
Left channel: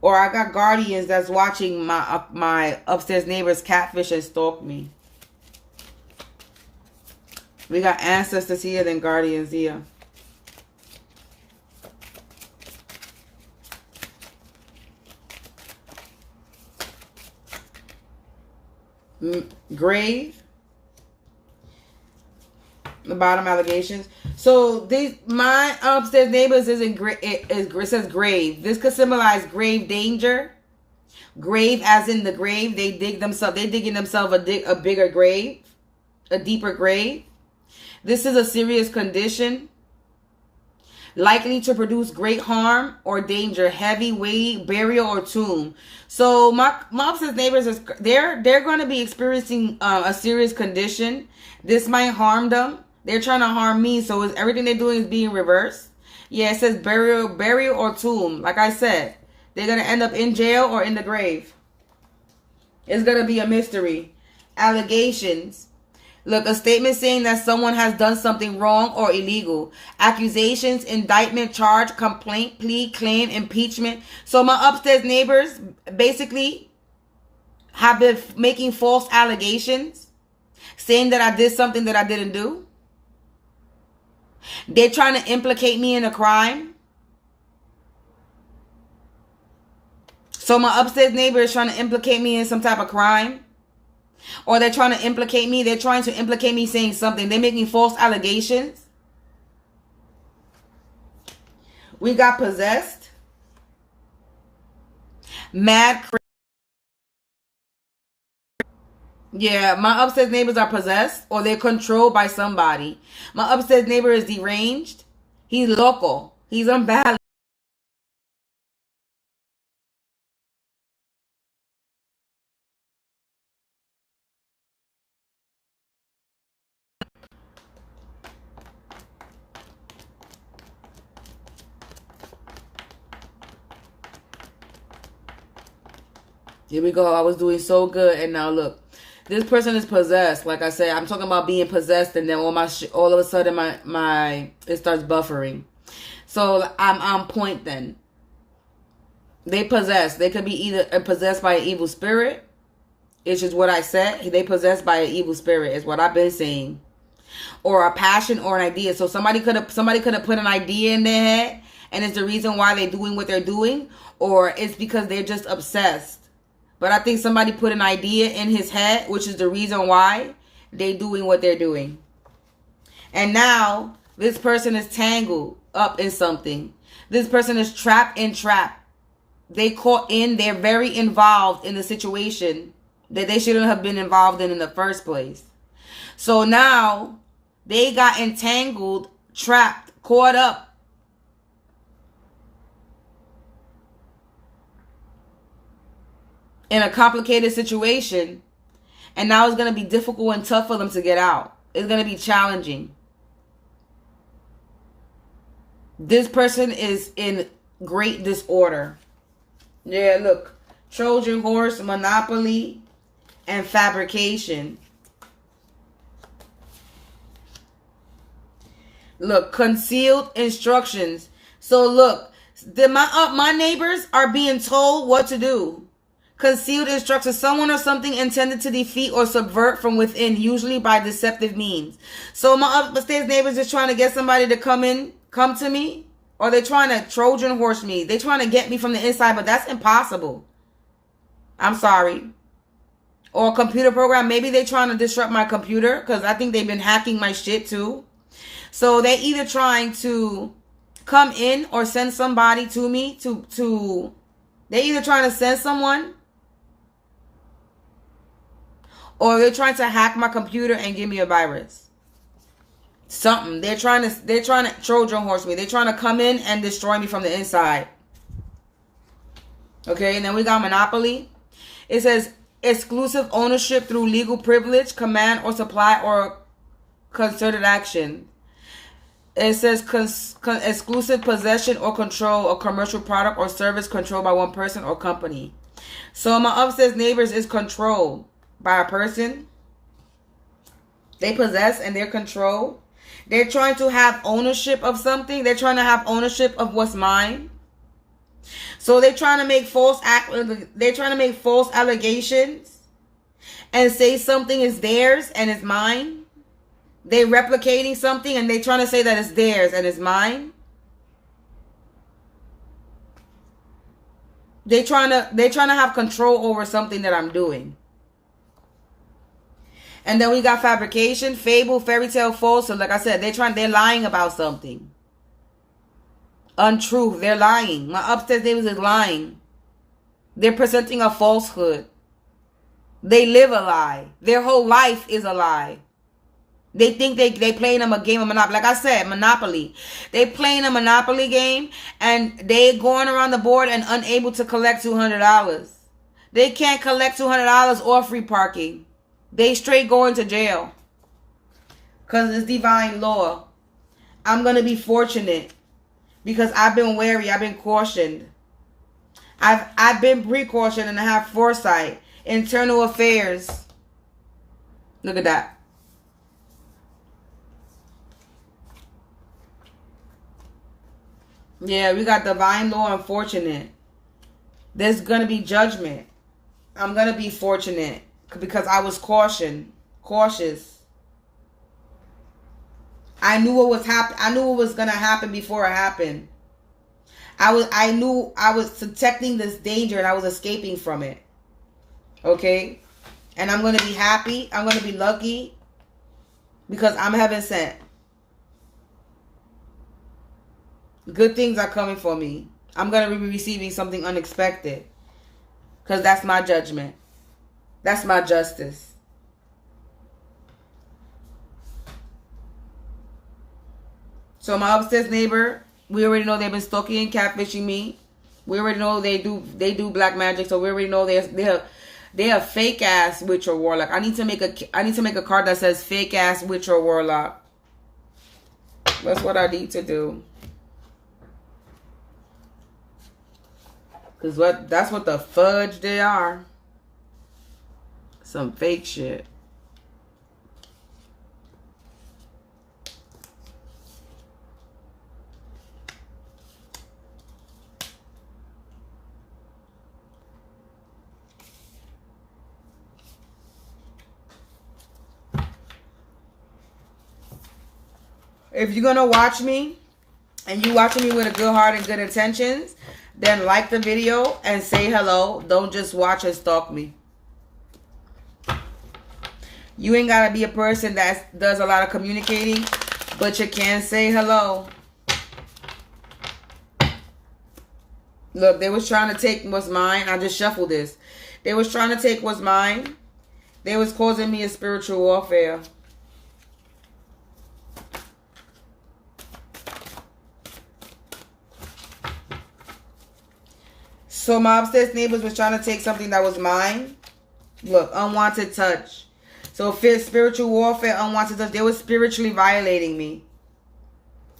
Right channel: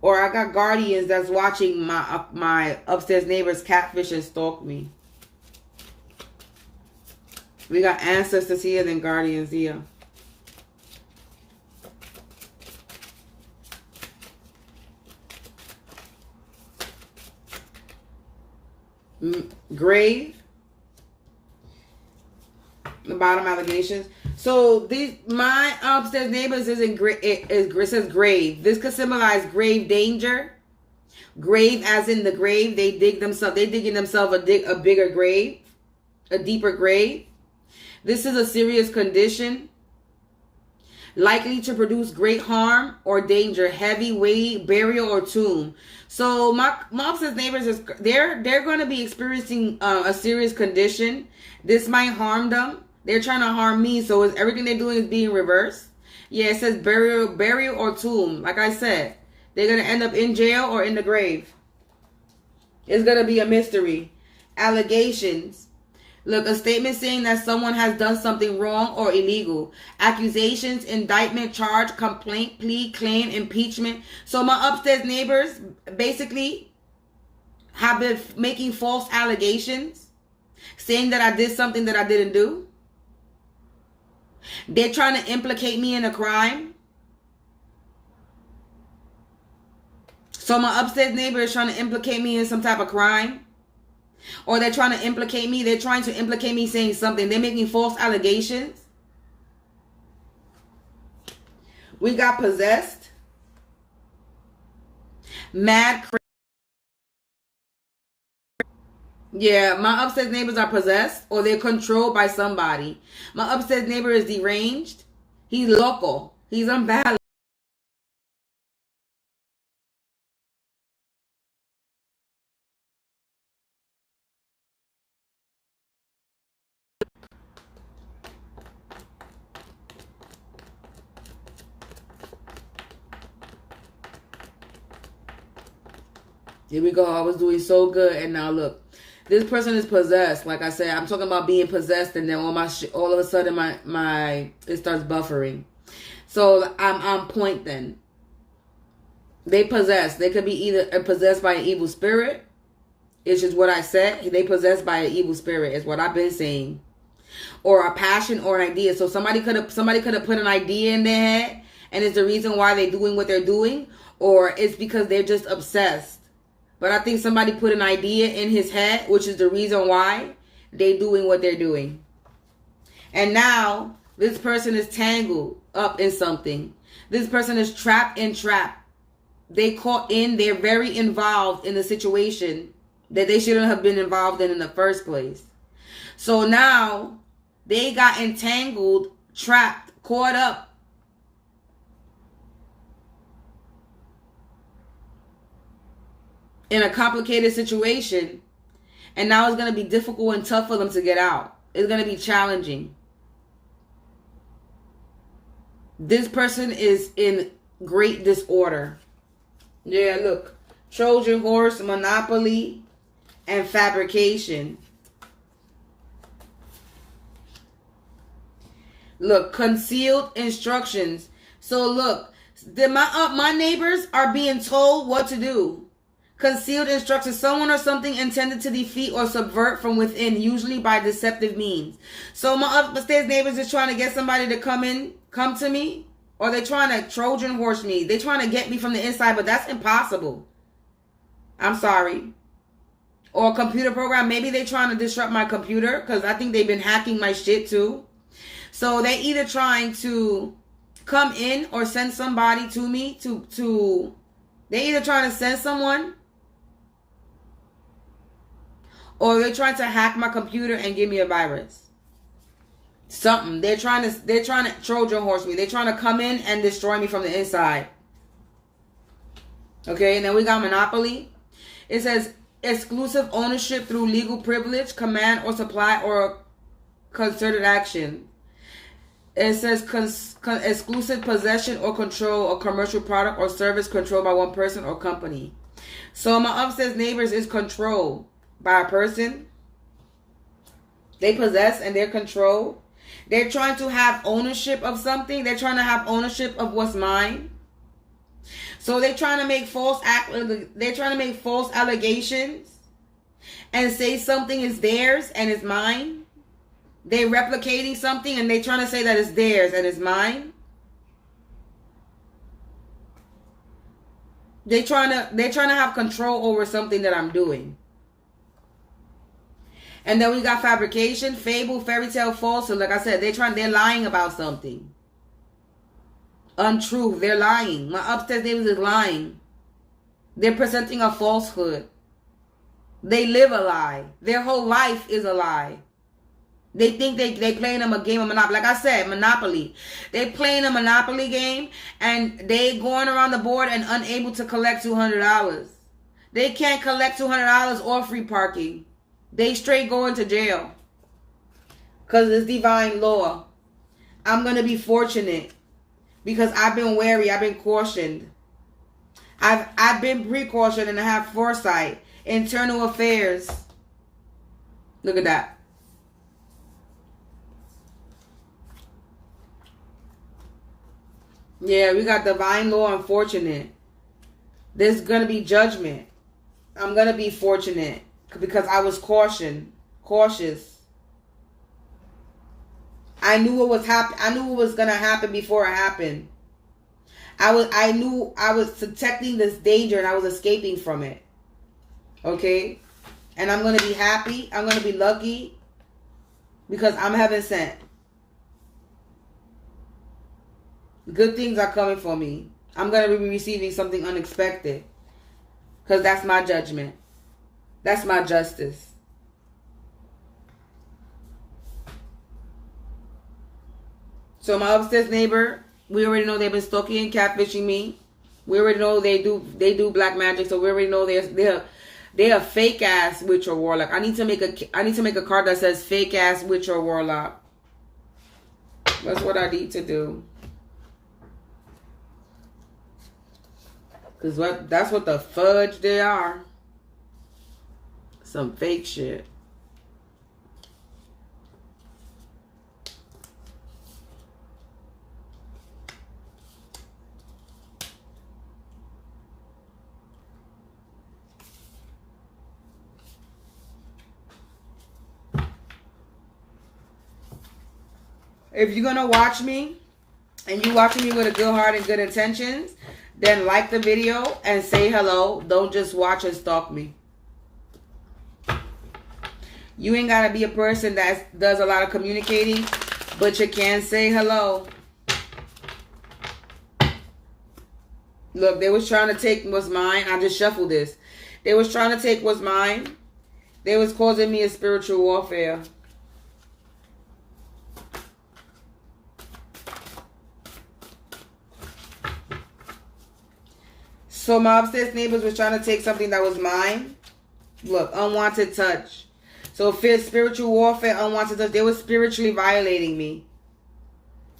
Or I got guardians that's watching my upstairs neighbor's catfish and stalk me. We got ancestors here, then guardians here. Grave. The bottom allegations. So my upstairs neighbors it says grave. This could symbolize grave danger. Grave as in the grave. They're digging themselves a bigger grave. A deeper grave. This is a serious condition. Likely to produce great harm or danger, heavy weight, burial, or tomb. So my upstairs neighbors they're going to be experiencing a serious condition. This might harm them. They're trying to harm me, so everything they're doing is being reversed. Yeah, it says burial or tomb. Like I said, they're gonna end up in jail or in the grave. It's gonna be a mystery. Allegations. Look, a statement saying that someone has done something wrong or illegal. Accusations, indictment, charge, complaint, plea, claim, impeachment. So my upstairs neighbors basically have been making false allegations, saying that I did something that I didn't do. They're trying to implicate me in a crime. So my upstairs neighbor is trying to implicate me in some type of crime. Or they're trying to implicate me. They're trying to implicate me saying something. They're making false allegations. We got possessed. Mad. Yeah, my upstairs neighbors are possessed or they're controlled by somebody. My upstairs neighbor is deranged. He's local. He's unbalanced. Here we go. I was doing so good, and now look, this person is possessed. Like I said, I'm talking about being possessed, and then all of a sudden my it starts buffering. So I'm on point. Then they possess. They could be either possessed by an evil spirit. It's just what I said. They possessed by an evil spirit is what I've been saying, or a passion or an idea. So somebody could have put an idea in their head, and it's the reason why they're doing what they're doing, or it's because they're just obsessed. But I think somebody put an idea in his head, which is the reason why they're doing what they're doing. And now this person is tangled up in something. This person is trapped in trap. They're very involved in the situation that they shouldn't have been involved in the first place. So now They got entangled, trapped, caught up. In a complicated situation. And now it's going to be difficult and tough for them to get out. It's going to be challenging. This person is in great disorder. Yeah, look. Trojan horse, monopoly, and fabrication. Look, concealed instructions. So look, my neighbors are being told what to do. Concealed instructions. Someone or something intended to defeat or subvert from within, usually by deceptive means. So my upstairs neighbors is trying to get somebody to come to me. Or they're trying to Trojan horse me. They're trying to get me from the inside, but that's impossible. I'm sorry. Or a computer program. Maybe they're trying to disrupt my computer, because I think they've been hacking my shit too. So they're either trying to come in or send somebody to me they're either trying to send someone, or they're trying to hack my computer and give me a virus. Something. They're trying to Trojan horse me. They're trying to come in and destroy me from the inside. Okay, and then we got monopoly. It says exclusive ownership through legal privilege, command or supply, or concerted action. It says exclusive possession or control of commercial product or service controlled by one person or company. So my upstairs neighbors is controlled by a person. They possess and they're controlled. They're trying to have ownership of something. They're trying to have ownership of what's mine. So they're trying to make false allegations and say something is theirs and it's mine. They're replicating something and they're trying to say that it's theirs and it's mine. They're trying to have control over something that I'm doing. And then we got fabrication, fable, fairy tale, falsehood. Like I said, they're lying about something. Untruth. They're lying. My upstairs neighbors is lying. They're presenting a falsehood. They live a lie. Their whole life is a lie. They think they playing them a game of Monopoly. Like I said, Monopoly. They playing a Monopoly game and they going around the board and unable to collect $200. They can't collect $200 or free parking. They straight going to jail. Because it's divine law. I'm going to be fortunate. Because I've been wary. I've been cautioned. I've been precautioned and I have foresight. Internal affairs. Look at that. Yeah, we got divine law and fortunate. There's going to be judgment. I'm going to be fortunate because I was cautious. I knew what was I knew what was going to happen before it happened. I knew I was detecting this danger and I was escaping from it. Okay? And I'm going to be happy. I'm going to be lucky because I'm heaven sent. Good things are coming for me. I'm going to be receiving something unexpected. Because that's my judgment. That's my justice. So my upstairs neighbor, we already know they've been stalking and catfishing me. We already know they do black magic. So we already know they're a fake ass witch or warlock. I need to make a card that says fake ass witch or warlock. That's what I need to do. That's what the fudge they are. Some fake shit. If you're gonna watch me and you watching me with a good heart and good intentions, then like the video and say hello. Don't just watch and stalk me. You ain't gotta be a person that does a lot of communicating, but you can say hello. Look, they was trying to take what's mine. I just shuffled this. They was trying to take what's mine. They was causing me a spiritual warfare. So my upstairs neighbors was trying to take something that was mine. Look, unwanted touch. So fear, spiritual warfare, unwanted touch. They were spiritually violating me.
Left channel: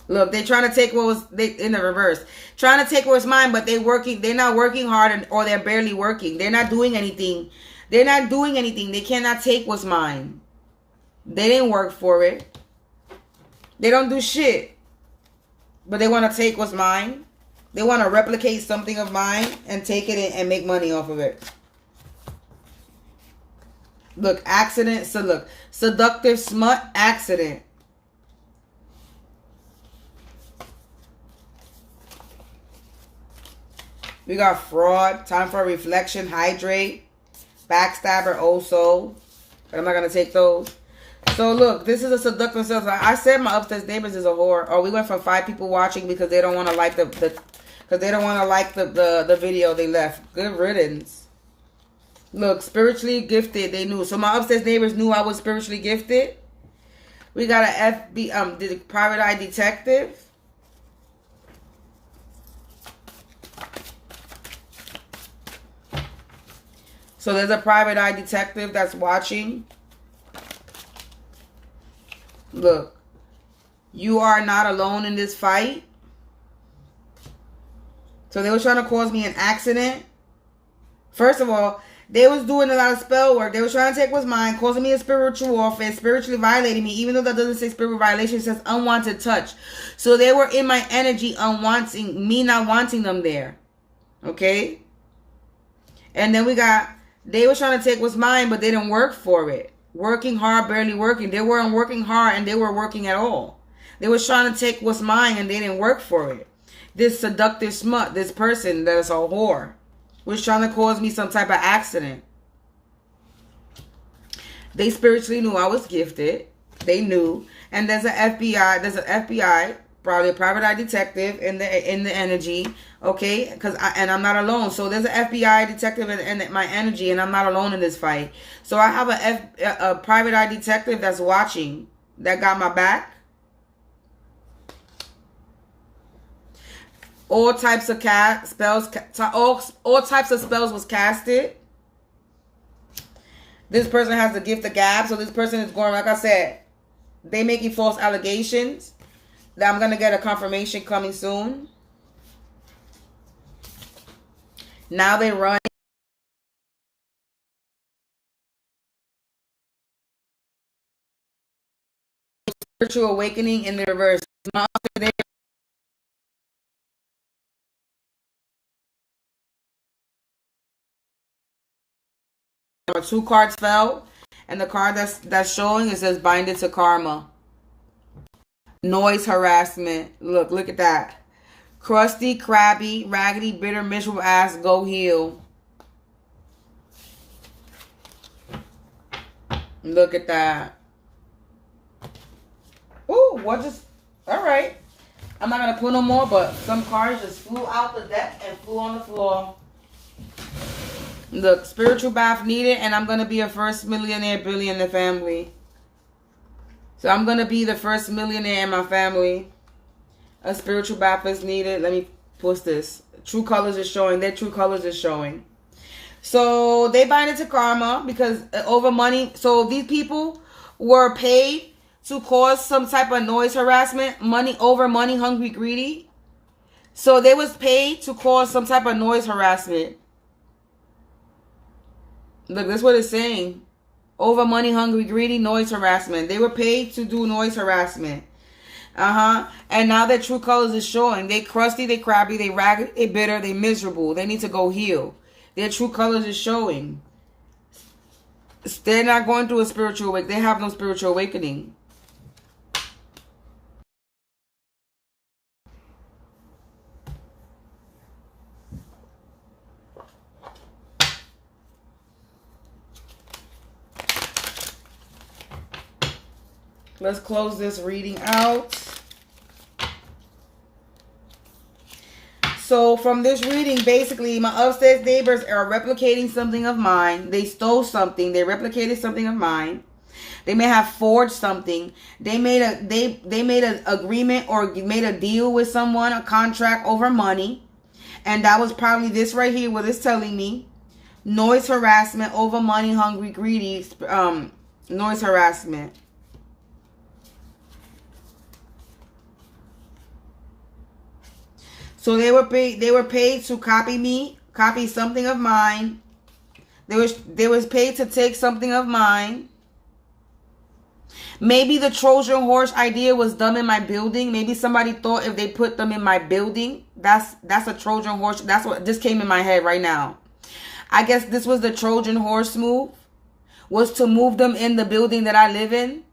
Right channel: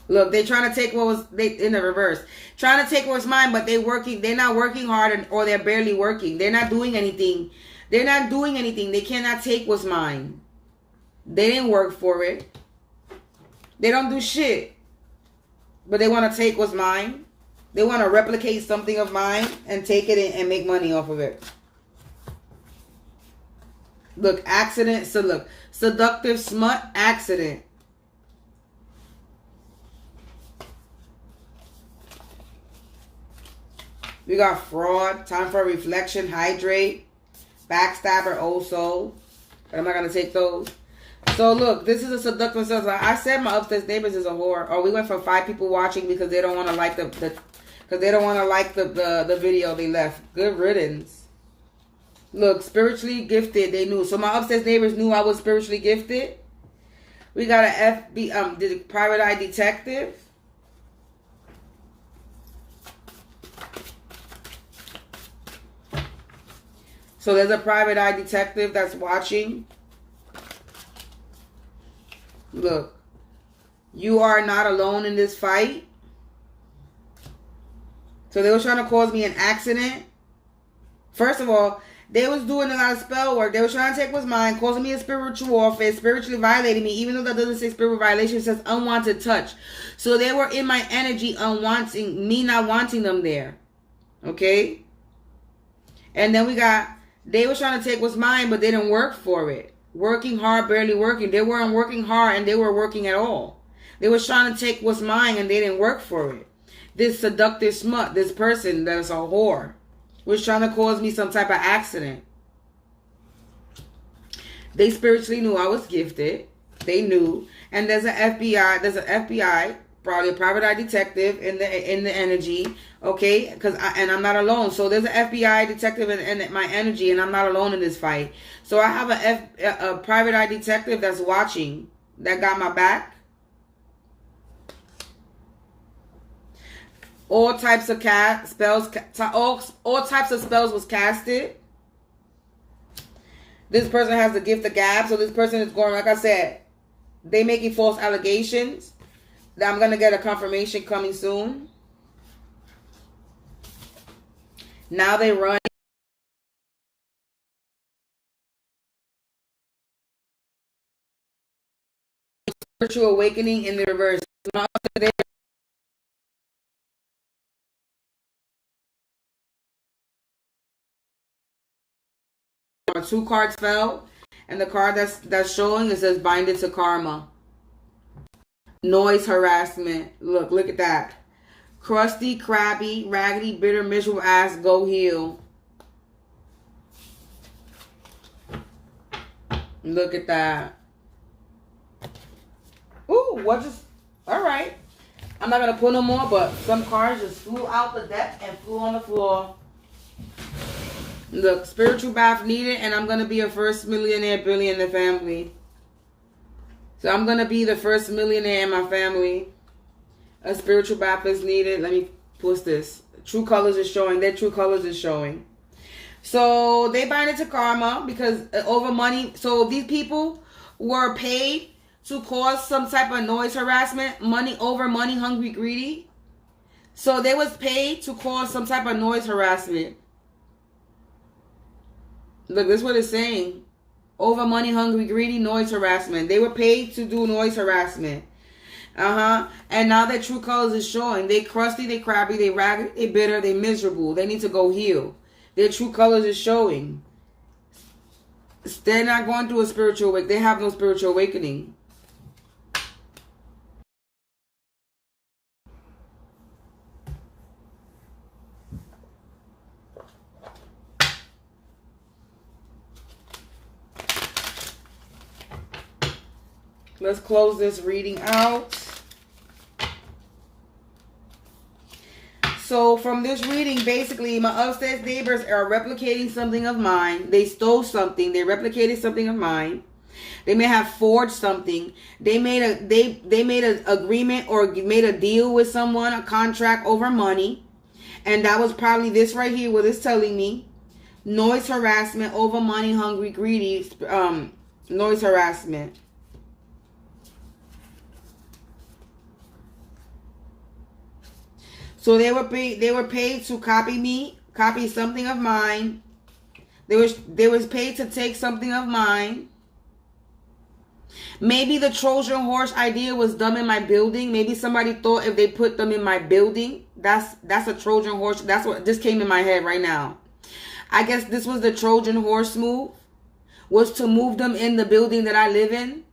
Look, they're trying to take what was in the reverse. Trying to take what's mine, but they're not working hard, or they're barely working. They're not doing anything. They're not doing anything. They cannot take what's mine. They didn't work for it. They don't do shit. But they want to take what's mine. They want to replicate something of mine and take it and make money off of it. Look, accident. So look, seductive smut, accident. We got fraud, time for reflection, hydrate, backstabber, old soul. But I'm not going to take those. So look, this is a seductive self. I said my upstairs neighbors is a whore. Oh, we went from 5 people watching because they don't want to like the video they left. Good riddance. Look, spiritually gifted. They knew. So my upstairs neighbors knew I was spiritually gifted. We got a private eye detective. So there's a private eye detective that's watching. Look, you are not alone in this fight. So they were trying to cause me an accident. First of all, they was doing a lot of spell work. They were trying to take what's mine, causing me a spiritual warfare, spiritually violating me, even though that doesn't say spiritual violation, it says unwanted touch. So they were in my energy, me not wanting them there. Okay? And then they were trying to take what's mine, but they didn't work for it. Working hard, barely working. They weren't working hard, and they were working at all. They were trying to take what's mine, and they didn't work for it. This seductive smut, this person that's a whore, was trying to cause me some type of accident. They spiritually knew I was gifted. They knew. And there's an FBI, probably a private eye detective in the energy. Okay, and I'm not alone. So there's an FBI detective in my energy, and I'm not alone in this fight. So I have a private eye detective that's watching, that got my back. All types of spells, all types of spells was casted. This person has the gift of gab, so this person is going, like I said, they making false allegations. That I'm gonna get a confirmation coming soon. Now they run spiritual awakening in the reverse. Two cards fell, and the card that's showing, it says binded to karma. Noise harassment. Look at that. Crusty, crabby, raggedy, bitter, miserable ass, go heal. Look at that. Ooh, alright. I'm not going to pull no more, but some cards just flew out the deck and flew on the floor. Look, spiritual bath needed, and I'm going to be a first millionaire, billionaire family. So I'm going to be the first millionaire in my family. A spiritual bath is needed. Let me post this. True colors is showing. Their true colors is showing. So they bind it to karma because over money. So these people were paid to cause some type of noise harassment. Money, hungry, greedy. So they was paid to cause some type of noise harassment. Look, this is what it's saying. Over money, hungry, greedy, noise harassment. They were paid to do noise harassment. And now their true colors is showing. They crusty, they crabby, they raggedy, they bitter, they miserable. They need to go heal. Their true colors is showing. They're not going through a spiritual awakening. They have no spiritual awakening. Let's close this reading out. So from this reading, basically, my upstairs neighbors are replicating something of mine. They stole something. They replicated something of mine. They may have forged something. They made an agreement or made a deal with someone, a contract over money. And that was probably this right here, what it's telling me. Noise harassment, over money, hungry, greedy, noise harassment. So they were paid to copy something of mine. They was paid to take something of mine. Maybe the Trojan horse idea was done in my building. Maybe somebody thought if they put them in my building, that's a Trojan horse. That's what just came in my head right now. I guess this was the Trojan horse move, was to move them in the building that I live in.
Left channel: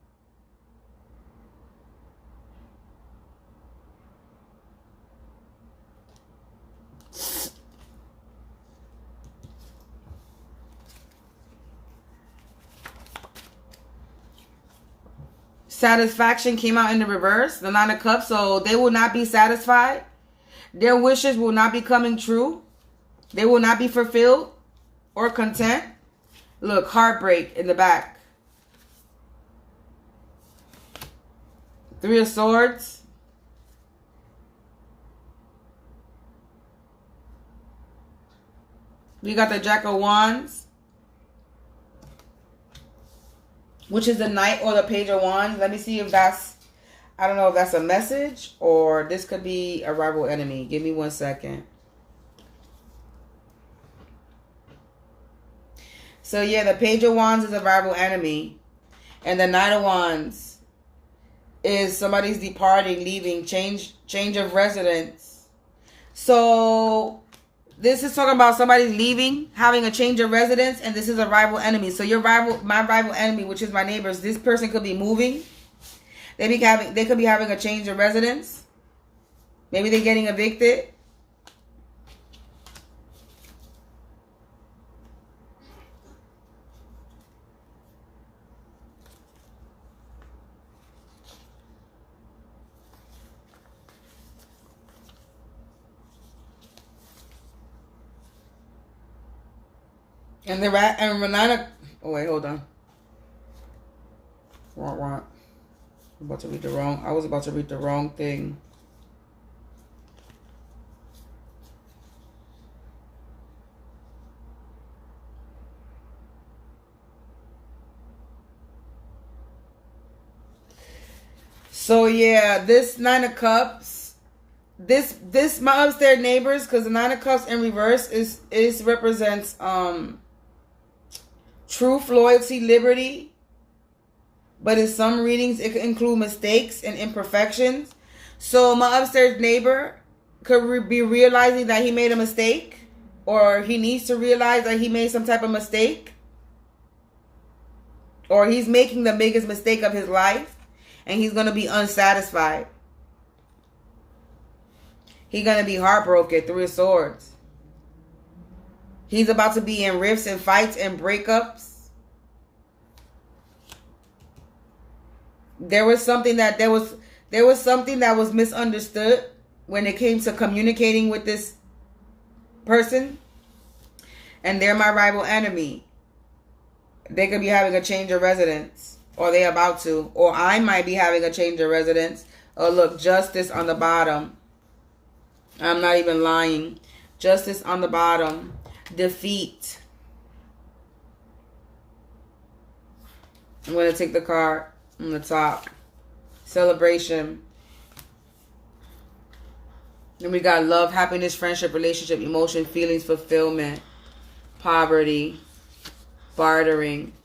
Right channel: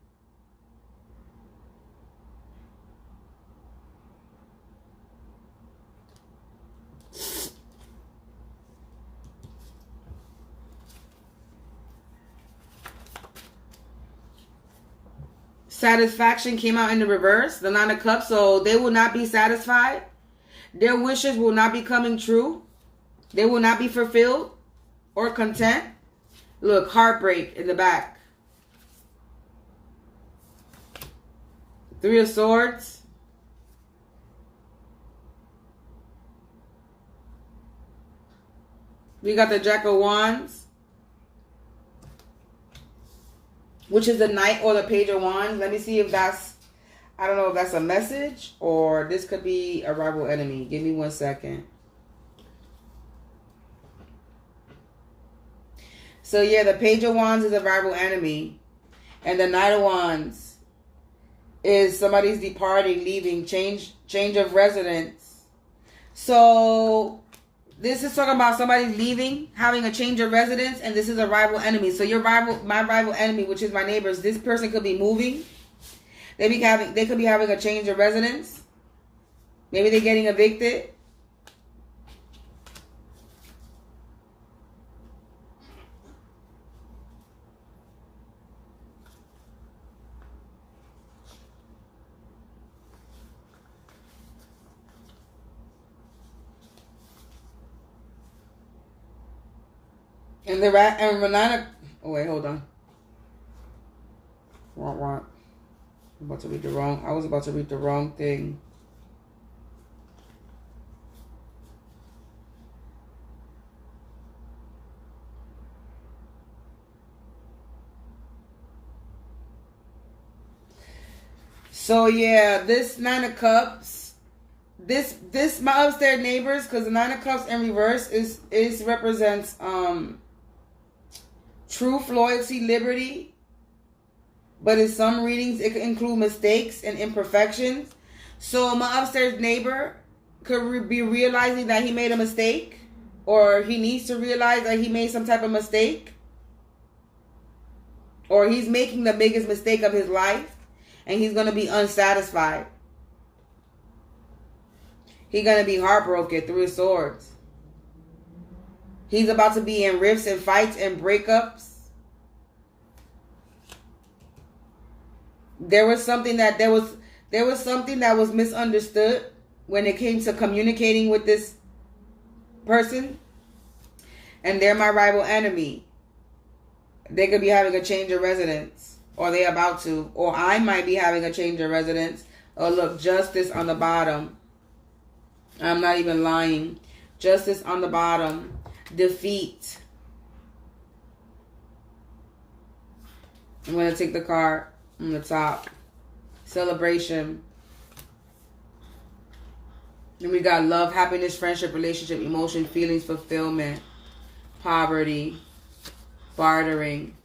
Satisfaction came out in the reverse, the Nine of Cups. So they will not be satisfied. Their wishes will not be coming true. They will not be fulfilled or content. Look, heartbreak in the back. Three of Swords. We got the Jack of Wands, which is the Knight or the Page of Wands. Let me see if that's, I don't know if that's a message or this could be a rival enemy. Give me 1 second. So yeah, the Page of Wands is a rival enemy. And the Knight of Wands is somebody's departing, leaving, change of residence. So this is talking about somebody's leaving, having a change of residence, and this is a rival enemy. So my rival enemy, which is my neighbors, this person could be moving. They could be having a change of residence. Maybe they're getting evicted. And Renata. Oh wait, hold on. Wrong. I was about to read the wrong thing. So yeah, this Nine of Cups. This my upstairs neighbors, because the Nine of Cups in reverse is represents truth, loyalty, liberty. But in some readings, it could include mistakes and imperfections. So my upstairs neighbor could be realizing that he made a mistake, or he needs to realize that he made some type of mistake, or he's making the biggest mistake of his life, and he's going to be unsatisfied. He's going to be heartbroken. Three of Swords. He's about to be in rifts and fights and breakups. There was something that was misunderstood when it came to communicating with this person. And they're my rival enemy. They could be having a change of residence, or they're about to, or I might be having a change of residence. Oh, look, Justice on the bottom. I'm not even lying. Justice on the bottom. Defeat. I'm going to take the card on the top. Celebration. Then we got love, happiness, friendship, relationship, emotion, feelings, fulfillment, poverty, bartering.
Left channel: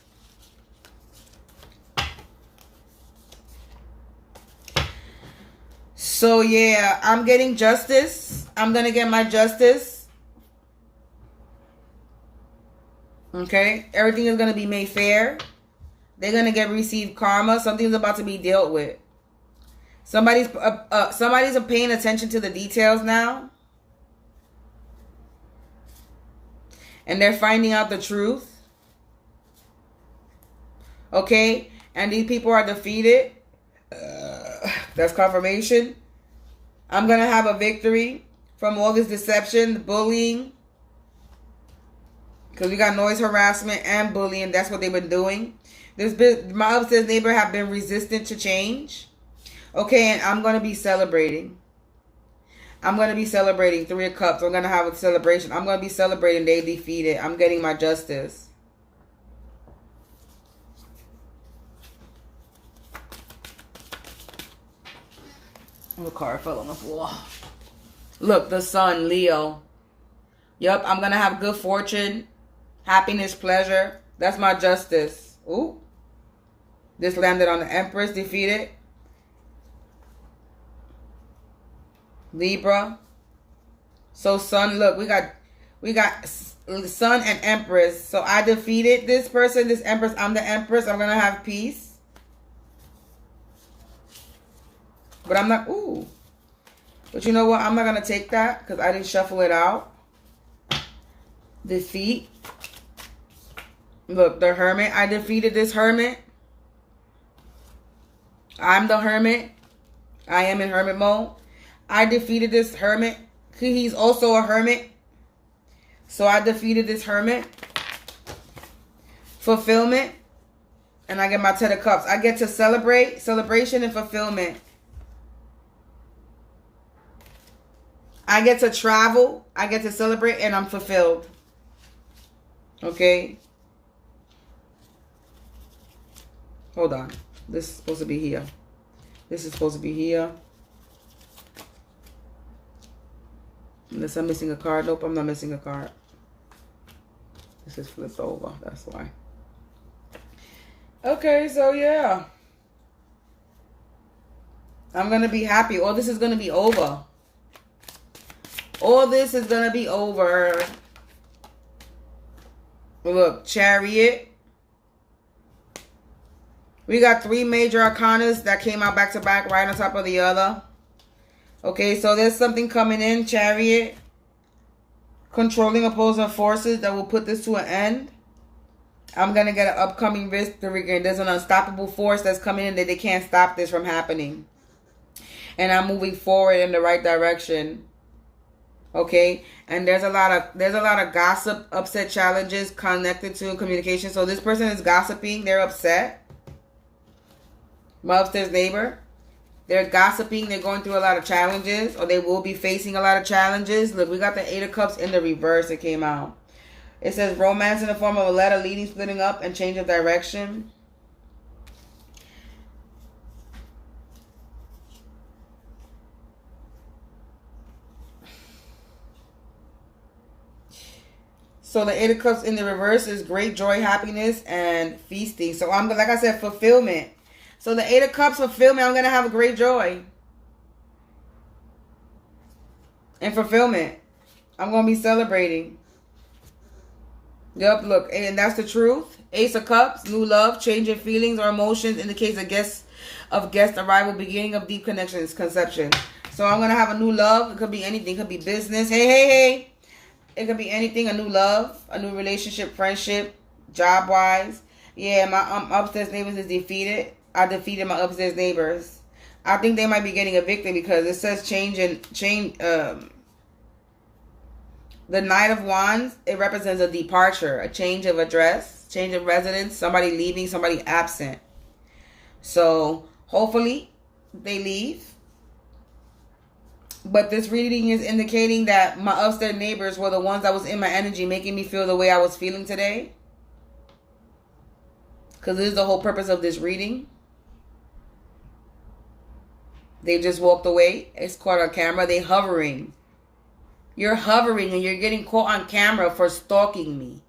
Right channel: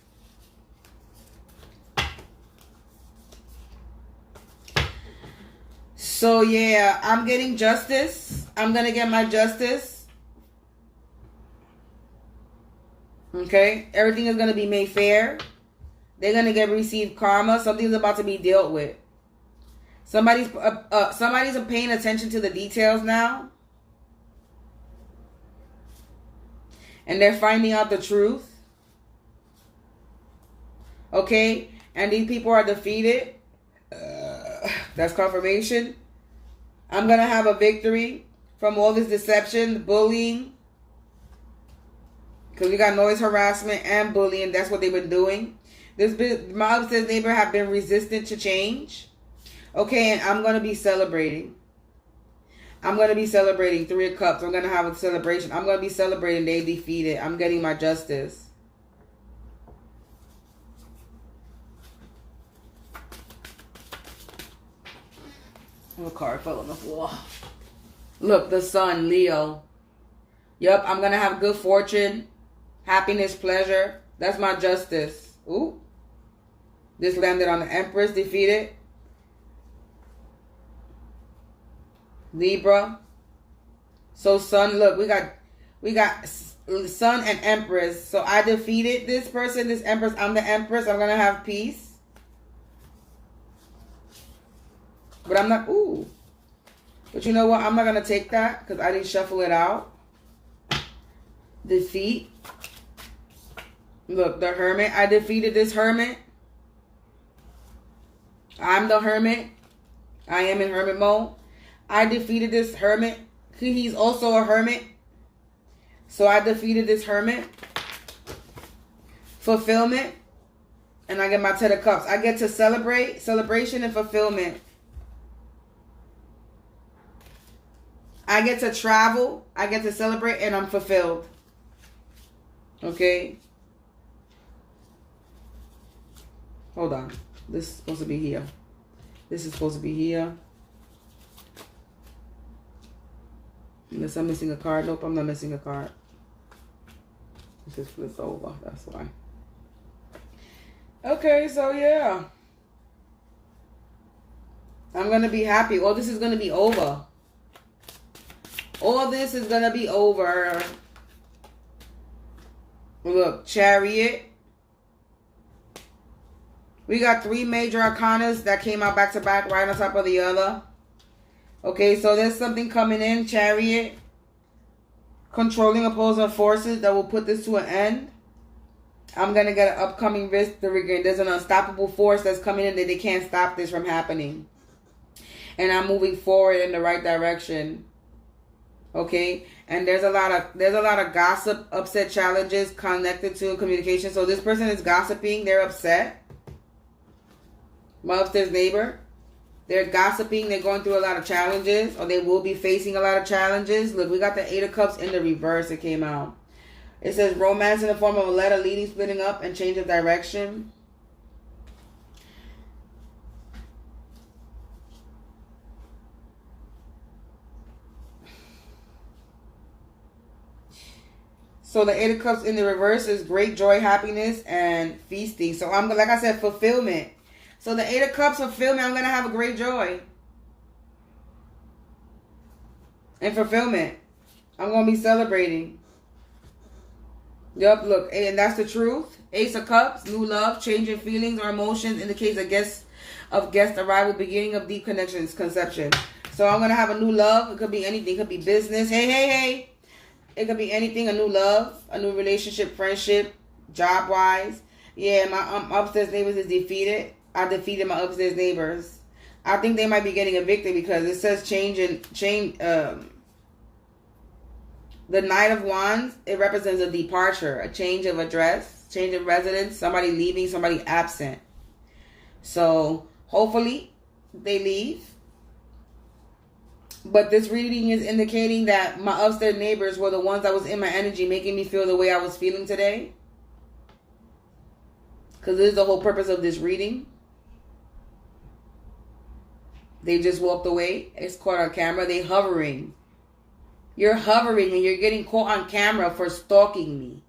So yeah, I'm getting justice. I'm going to get my justice. Okay, everything is going to be made fair. They're going to receive karma. Something's about to be dealt with. Somebody's paying attention to the details now. And they're finding out the truth. Okay, and these people are defeated. That's confirmation. I'm going to have a victory from all this deception, bullying. Because we got noise harassment and bullying. That's what they've been doing. My upstairs neighbor have been resistant to change. Okay, and I'm going to be celebrating. I'm going to be celebrating 3 of Cups. I'm going to have a celebration. I'm going to be celebrating they defeated. I'm getting my justice. The card fell on the floor. Look, the Sun, Leo. Yup, I'm going to have good fortune, happiness, pleasure. That's my justice. Ooh. This landed on the Empress, defeated. Libra. So Sun, look, we got Sun and Empress. So I defeated this person, this Empress. I'm the Empress. I'm going to have peace. But I'm not, ooh. But you know what? I'm not going to take that because I didn't shuffle it out. Defeat. Look, the Hermit. I defeated this Hermit. I'm the Hermit. I am in Hermit mode. I defeated this Hermit. He's also a Hermit. So I defeated this Hermit. Fulfillment. And I get my 10 of Cups. I get to celebrate. Celebration and fulfillment. I get to travel. I get to celebrate and I'm fulfilled. Okay. Hold on. This is supposed to be here. This is supposed to be here. Unless I'm missing a card. Nope, I'm not missing a card. This is flipped over. That's why. Okay, so yeah. I'm going to be happy. All this is going to be over. All this is going to be over. Look, Chariot. We got 3 major arcanas that came out back to back, right on top of the other. Okay, so there's something coming in, Chariot. Controlling opposing forces that will put this to an end. I'm going to get an upcoming risk to regain. There's an unstoppable force that's coming in that they can't stop this from happening. And I'm moving forward in the right direction. Okay, and there's a lot of gossip, upset challenges connected to communication. So this person is gossiping. They're upset. My upstairs neighbor. They're gossiping. They're going through a lot of challenges, or they will be facing a lot of challenges. Look, we got the 8 of Cups in the reverse. It came out. It says romance in the form of a letter leading, splitting up, and change of direction. So the 8 of Cups in the reverse is great joy, happiness, and feasting. So I'm, like I said, fulfillment. So the 8 of Cups, fulfillment, I'm going to have a great joy. And fulfillment. I'm going to be celebrating. Yep, look, and that's the truth. Ace of Cups, new love, changing feelings or emotions indicates a guest arrival, beginning of deep connections, conception. So I'm going to have a new love. It could be anything. It could be business. Hey. It could be anything, a new love, a new relationship, friendship, job-wise. Yeah, my upstairs neighbors is defeated. I defeated my upstairs neighbors. I think they might be getting evicted because it says the Knight of Wands, it represents a departure, a change of address, change of residence, somebody leaving, somebody absent. So hopefully they leave. But this reading is indicating that my upstairs neighbors were the ones that was in my energy, making me feel the way I was feeling today. Because this is the whole purpose of this reading. They just walked away. It's caught on camera. They hovering. You're hovering and you're getting caught on camera for stalking me.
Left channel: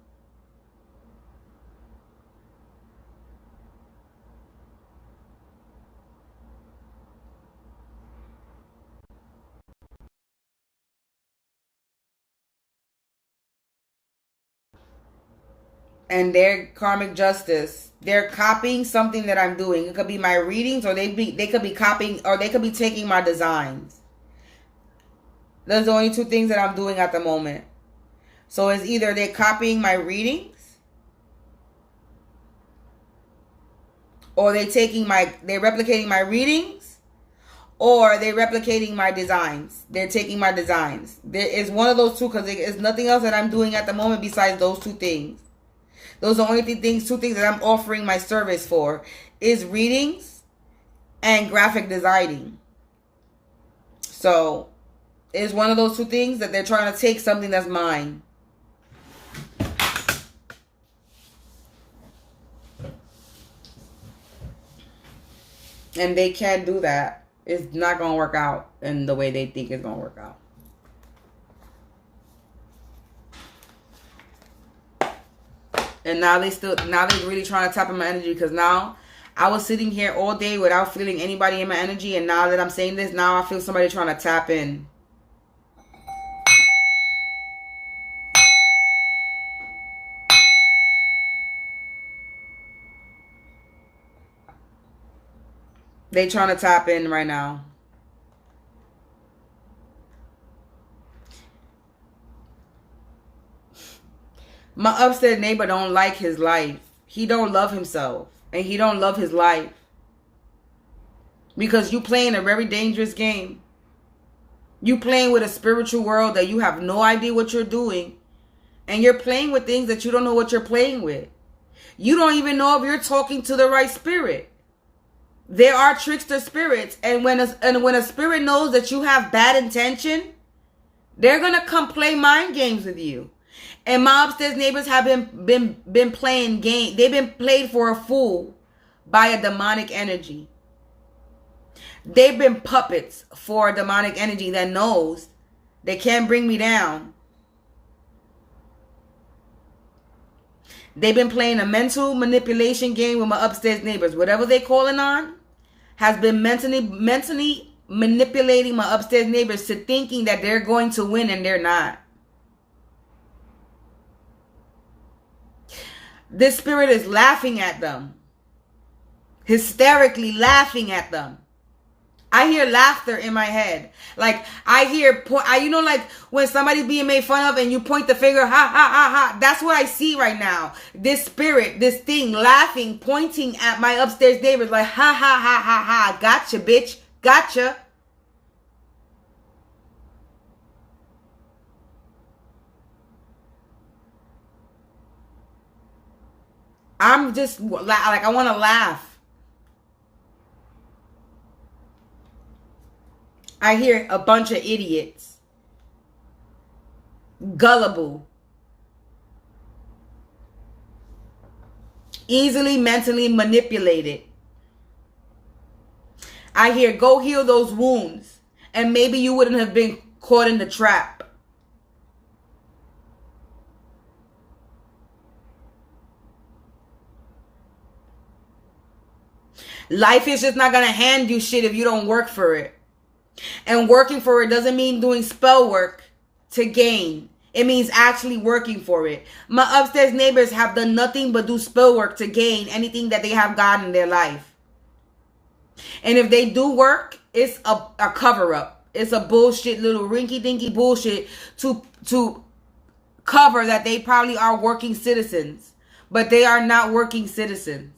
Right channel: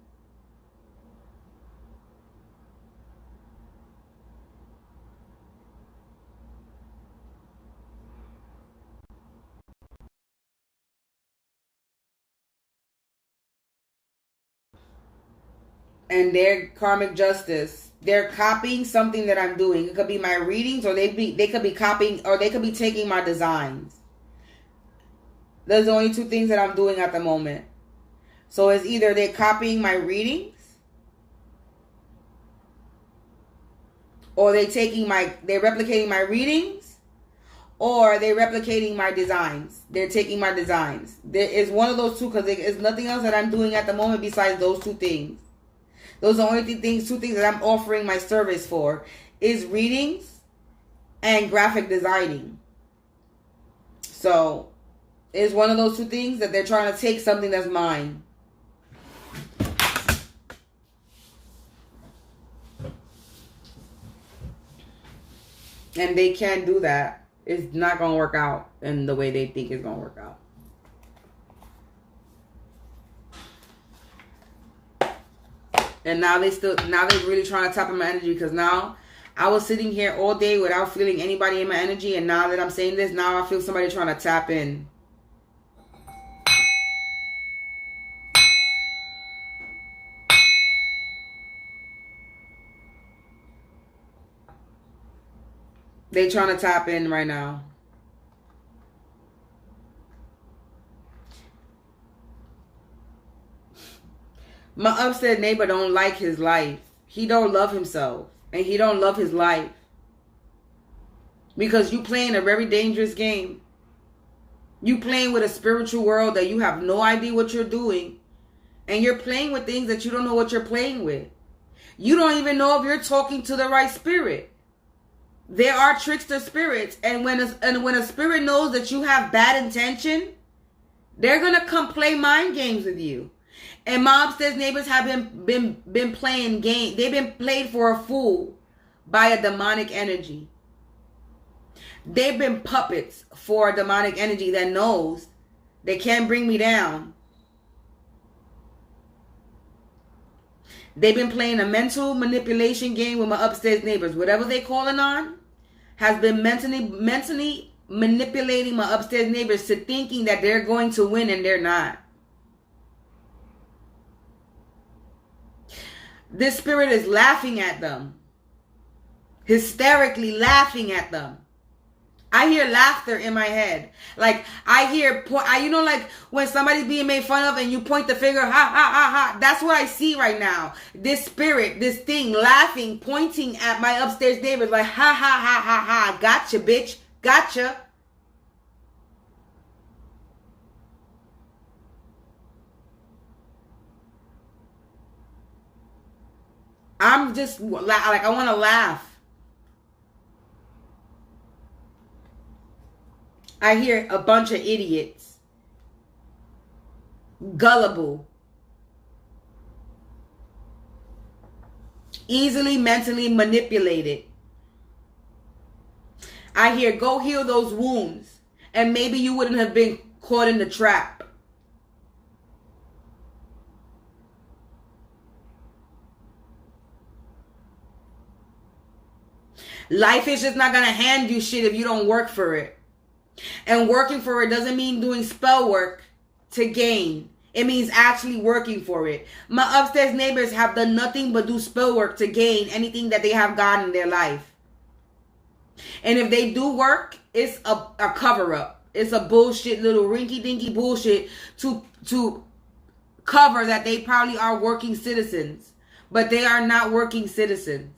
And their karmic justice. They're copying something that I'm doing. It could be my readings, or they could be copying, or they could be taking my designs. Those are the only 2 things that I'm doing at the moment. So it's either they're copying my readings, or they're replicating my readings, or they're replicating my designs. They're taking my designs. There is one of those 2, because there is nothing else that I'm doing at the moment besides those 2 things. Those are the only 2 things that I'm offering my service for, is readings and graphic designing. So It's one of those two things that they're trying to take something that's mine. And they can't do that. It's not going to work out in the way they think it's going to work out. And now they're really trying to tap in my energy, because now I was sitting here all day without feeling anybody in my energy. And now that I'm saying this, now I feel somebody trying to tap in. They trying to tap in right now. My upstairs neighbor don't like his life. He don't love himself. And he don't love his life. Because you playing a very dangerous game. You playing with a spiritual world that you have no idea what you're doing. And you're playing with things that you don't know what you're playing with. You don't even know if you're talking to the right spirit. There are trickster spirits, and when a spirit knows that you have bad intention, they're gonna come play mind games with you. And my upstairs neighbors have been playing game. They've been played for a fool by a demonic energy. They've been puppets for a demonic energy that knows they can't bring me down. They've been playing a mental manipulation game with my upstairs neighbors. Whatever they're calling on has been mentally manipulating my upstairs neighbors to thinking that they're going to win, and they're not. This spirit is laughing at them. Hysterically laughing at them. I hear laughter in my head. Like, I hear, you know, like when somebody's being made fun of and you point the finger, ha, ha, ha, ha. That's what I see right now. This spirit, this thing laughing, pointing at my upstairs neighbors like, ha, ha, ha, ha, ha. Gotcha, bitch. Gotcha. I'm just, like, I want to laugh. I hear a bunch of idiots. Gullible. Easily mentally manipulated. I hear, go heal those wounds. And maybe you wouldn't have been caught in the trap. Life is just not going to hand you shit if you don't work for it. And working for it doesn't mean doing spell work to gain. It means actually working for it. My upstairs neighbors have done nothing but do spell work to gain anything that they have gotten in their life. And if they do work, it's a cover-up. It's a bullshit, little rinky-dinky bullshit to cover that they probably are working citizens. But they are not working citizens.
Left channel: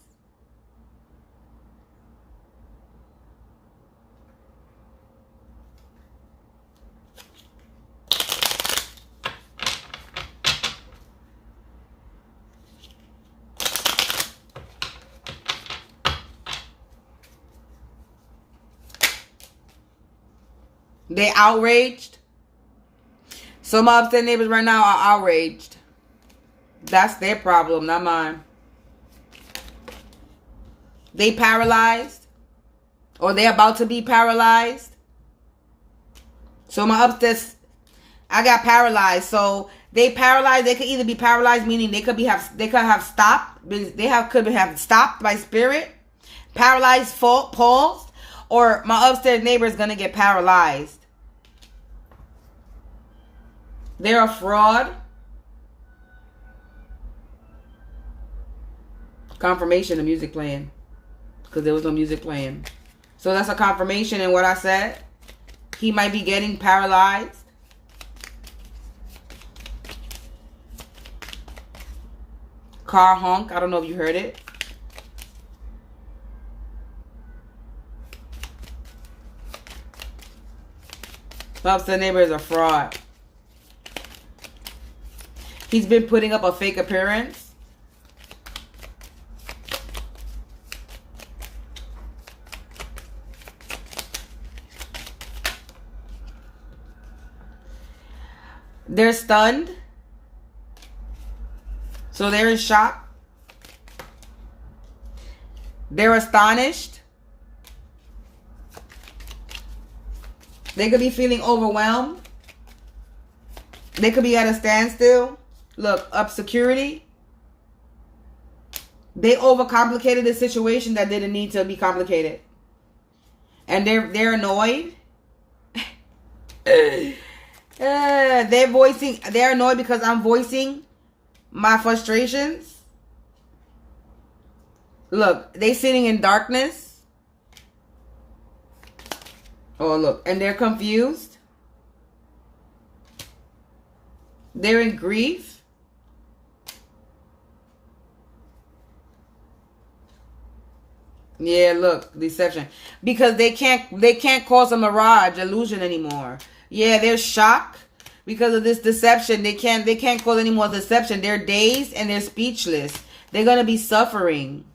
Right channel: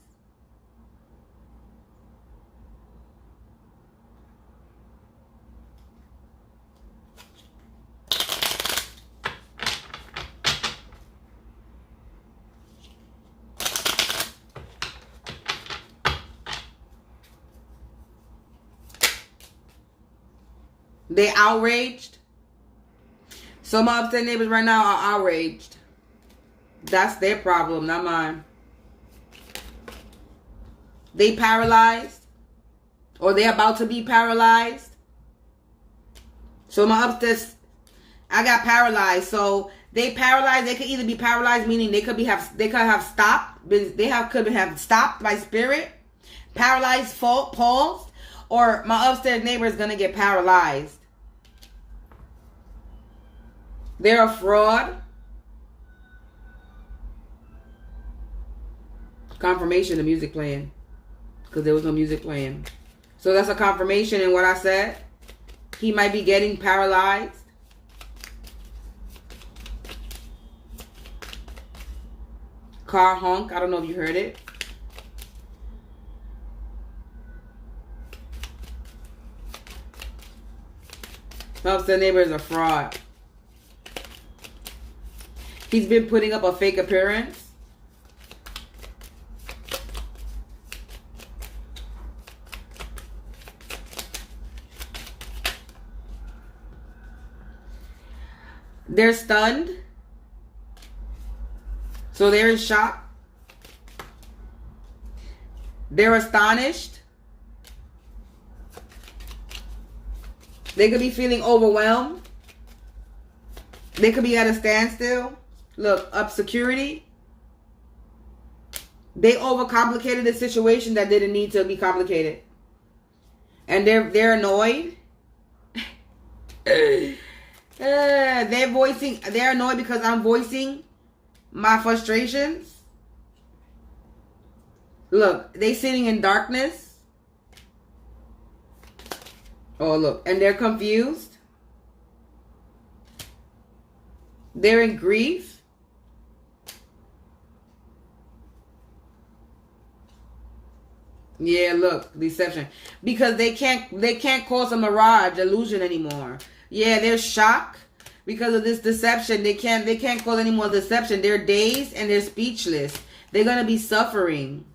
They outraged. So my upstairs neighbors right now are outraged. That's their problem, not mine. They paralyzed. Or they're about to be paralyzed. So my upstairs, I got paralyzed. So they paralyzed. They could either be paralyzed, meaning they could have stopped. Could have stopped by spirit. Paralyzed, paused. Or my upstairs neighbor is going to get paralyzed. They're a fraud. Confirmation, the music playing. Because there was no music playing. So that's a confirmation in what I said. He might be getting paralyzed. Car honk. I don't know if you heard it. My upstairs neighbor is a fraud. He's been putting up a fake appearance. They're stunned. So they're in shock. They're astonished. They could be feeling overwhelmed. They could be at a standstill. Look, up security. They overcomplicated the situation that didn't need to be complicated. And they're annoyed. They're annoyed because I'm voicing my frustrations. Look, they sitting in darkness. Oh, look, and they're confused. They're in grief. Yeah, look, deception. Because they can't cause a mirage, illusion anymore. Yeah, they're shocked because of this deception. They can't cause any more deception. They're dazed and they're speechless. They're gonna be suffering.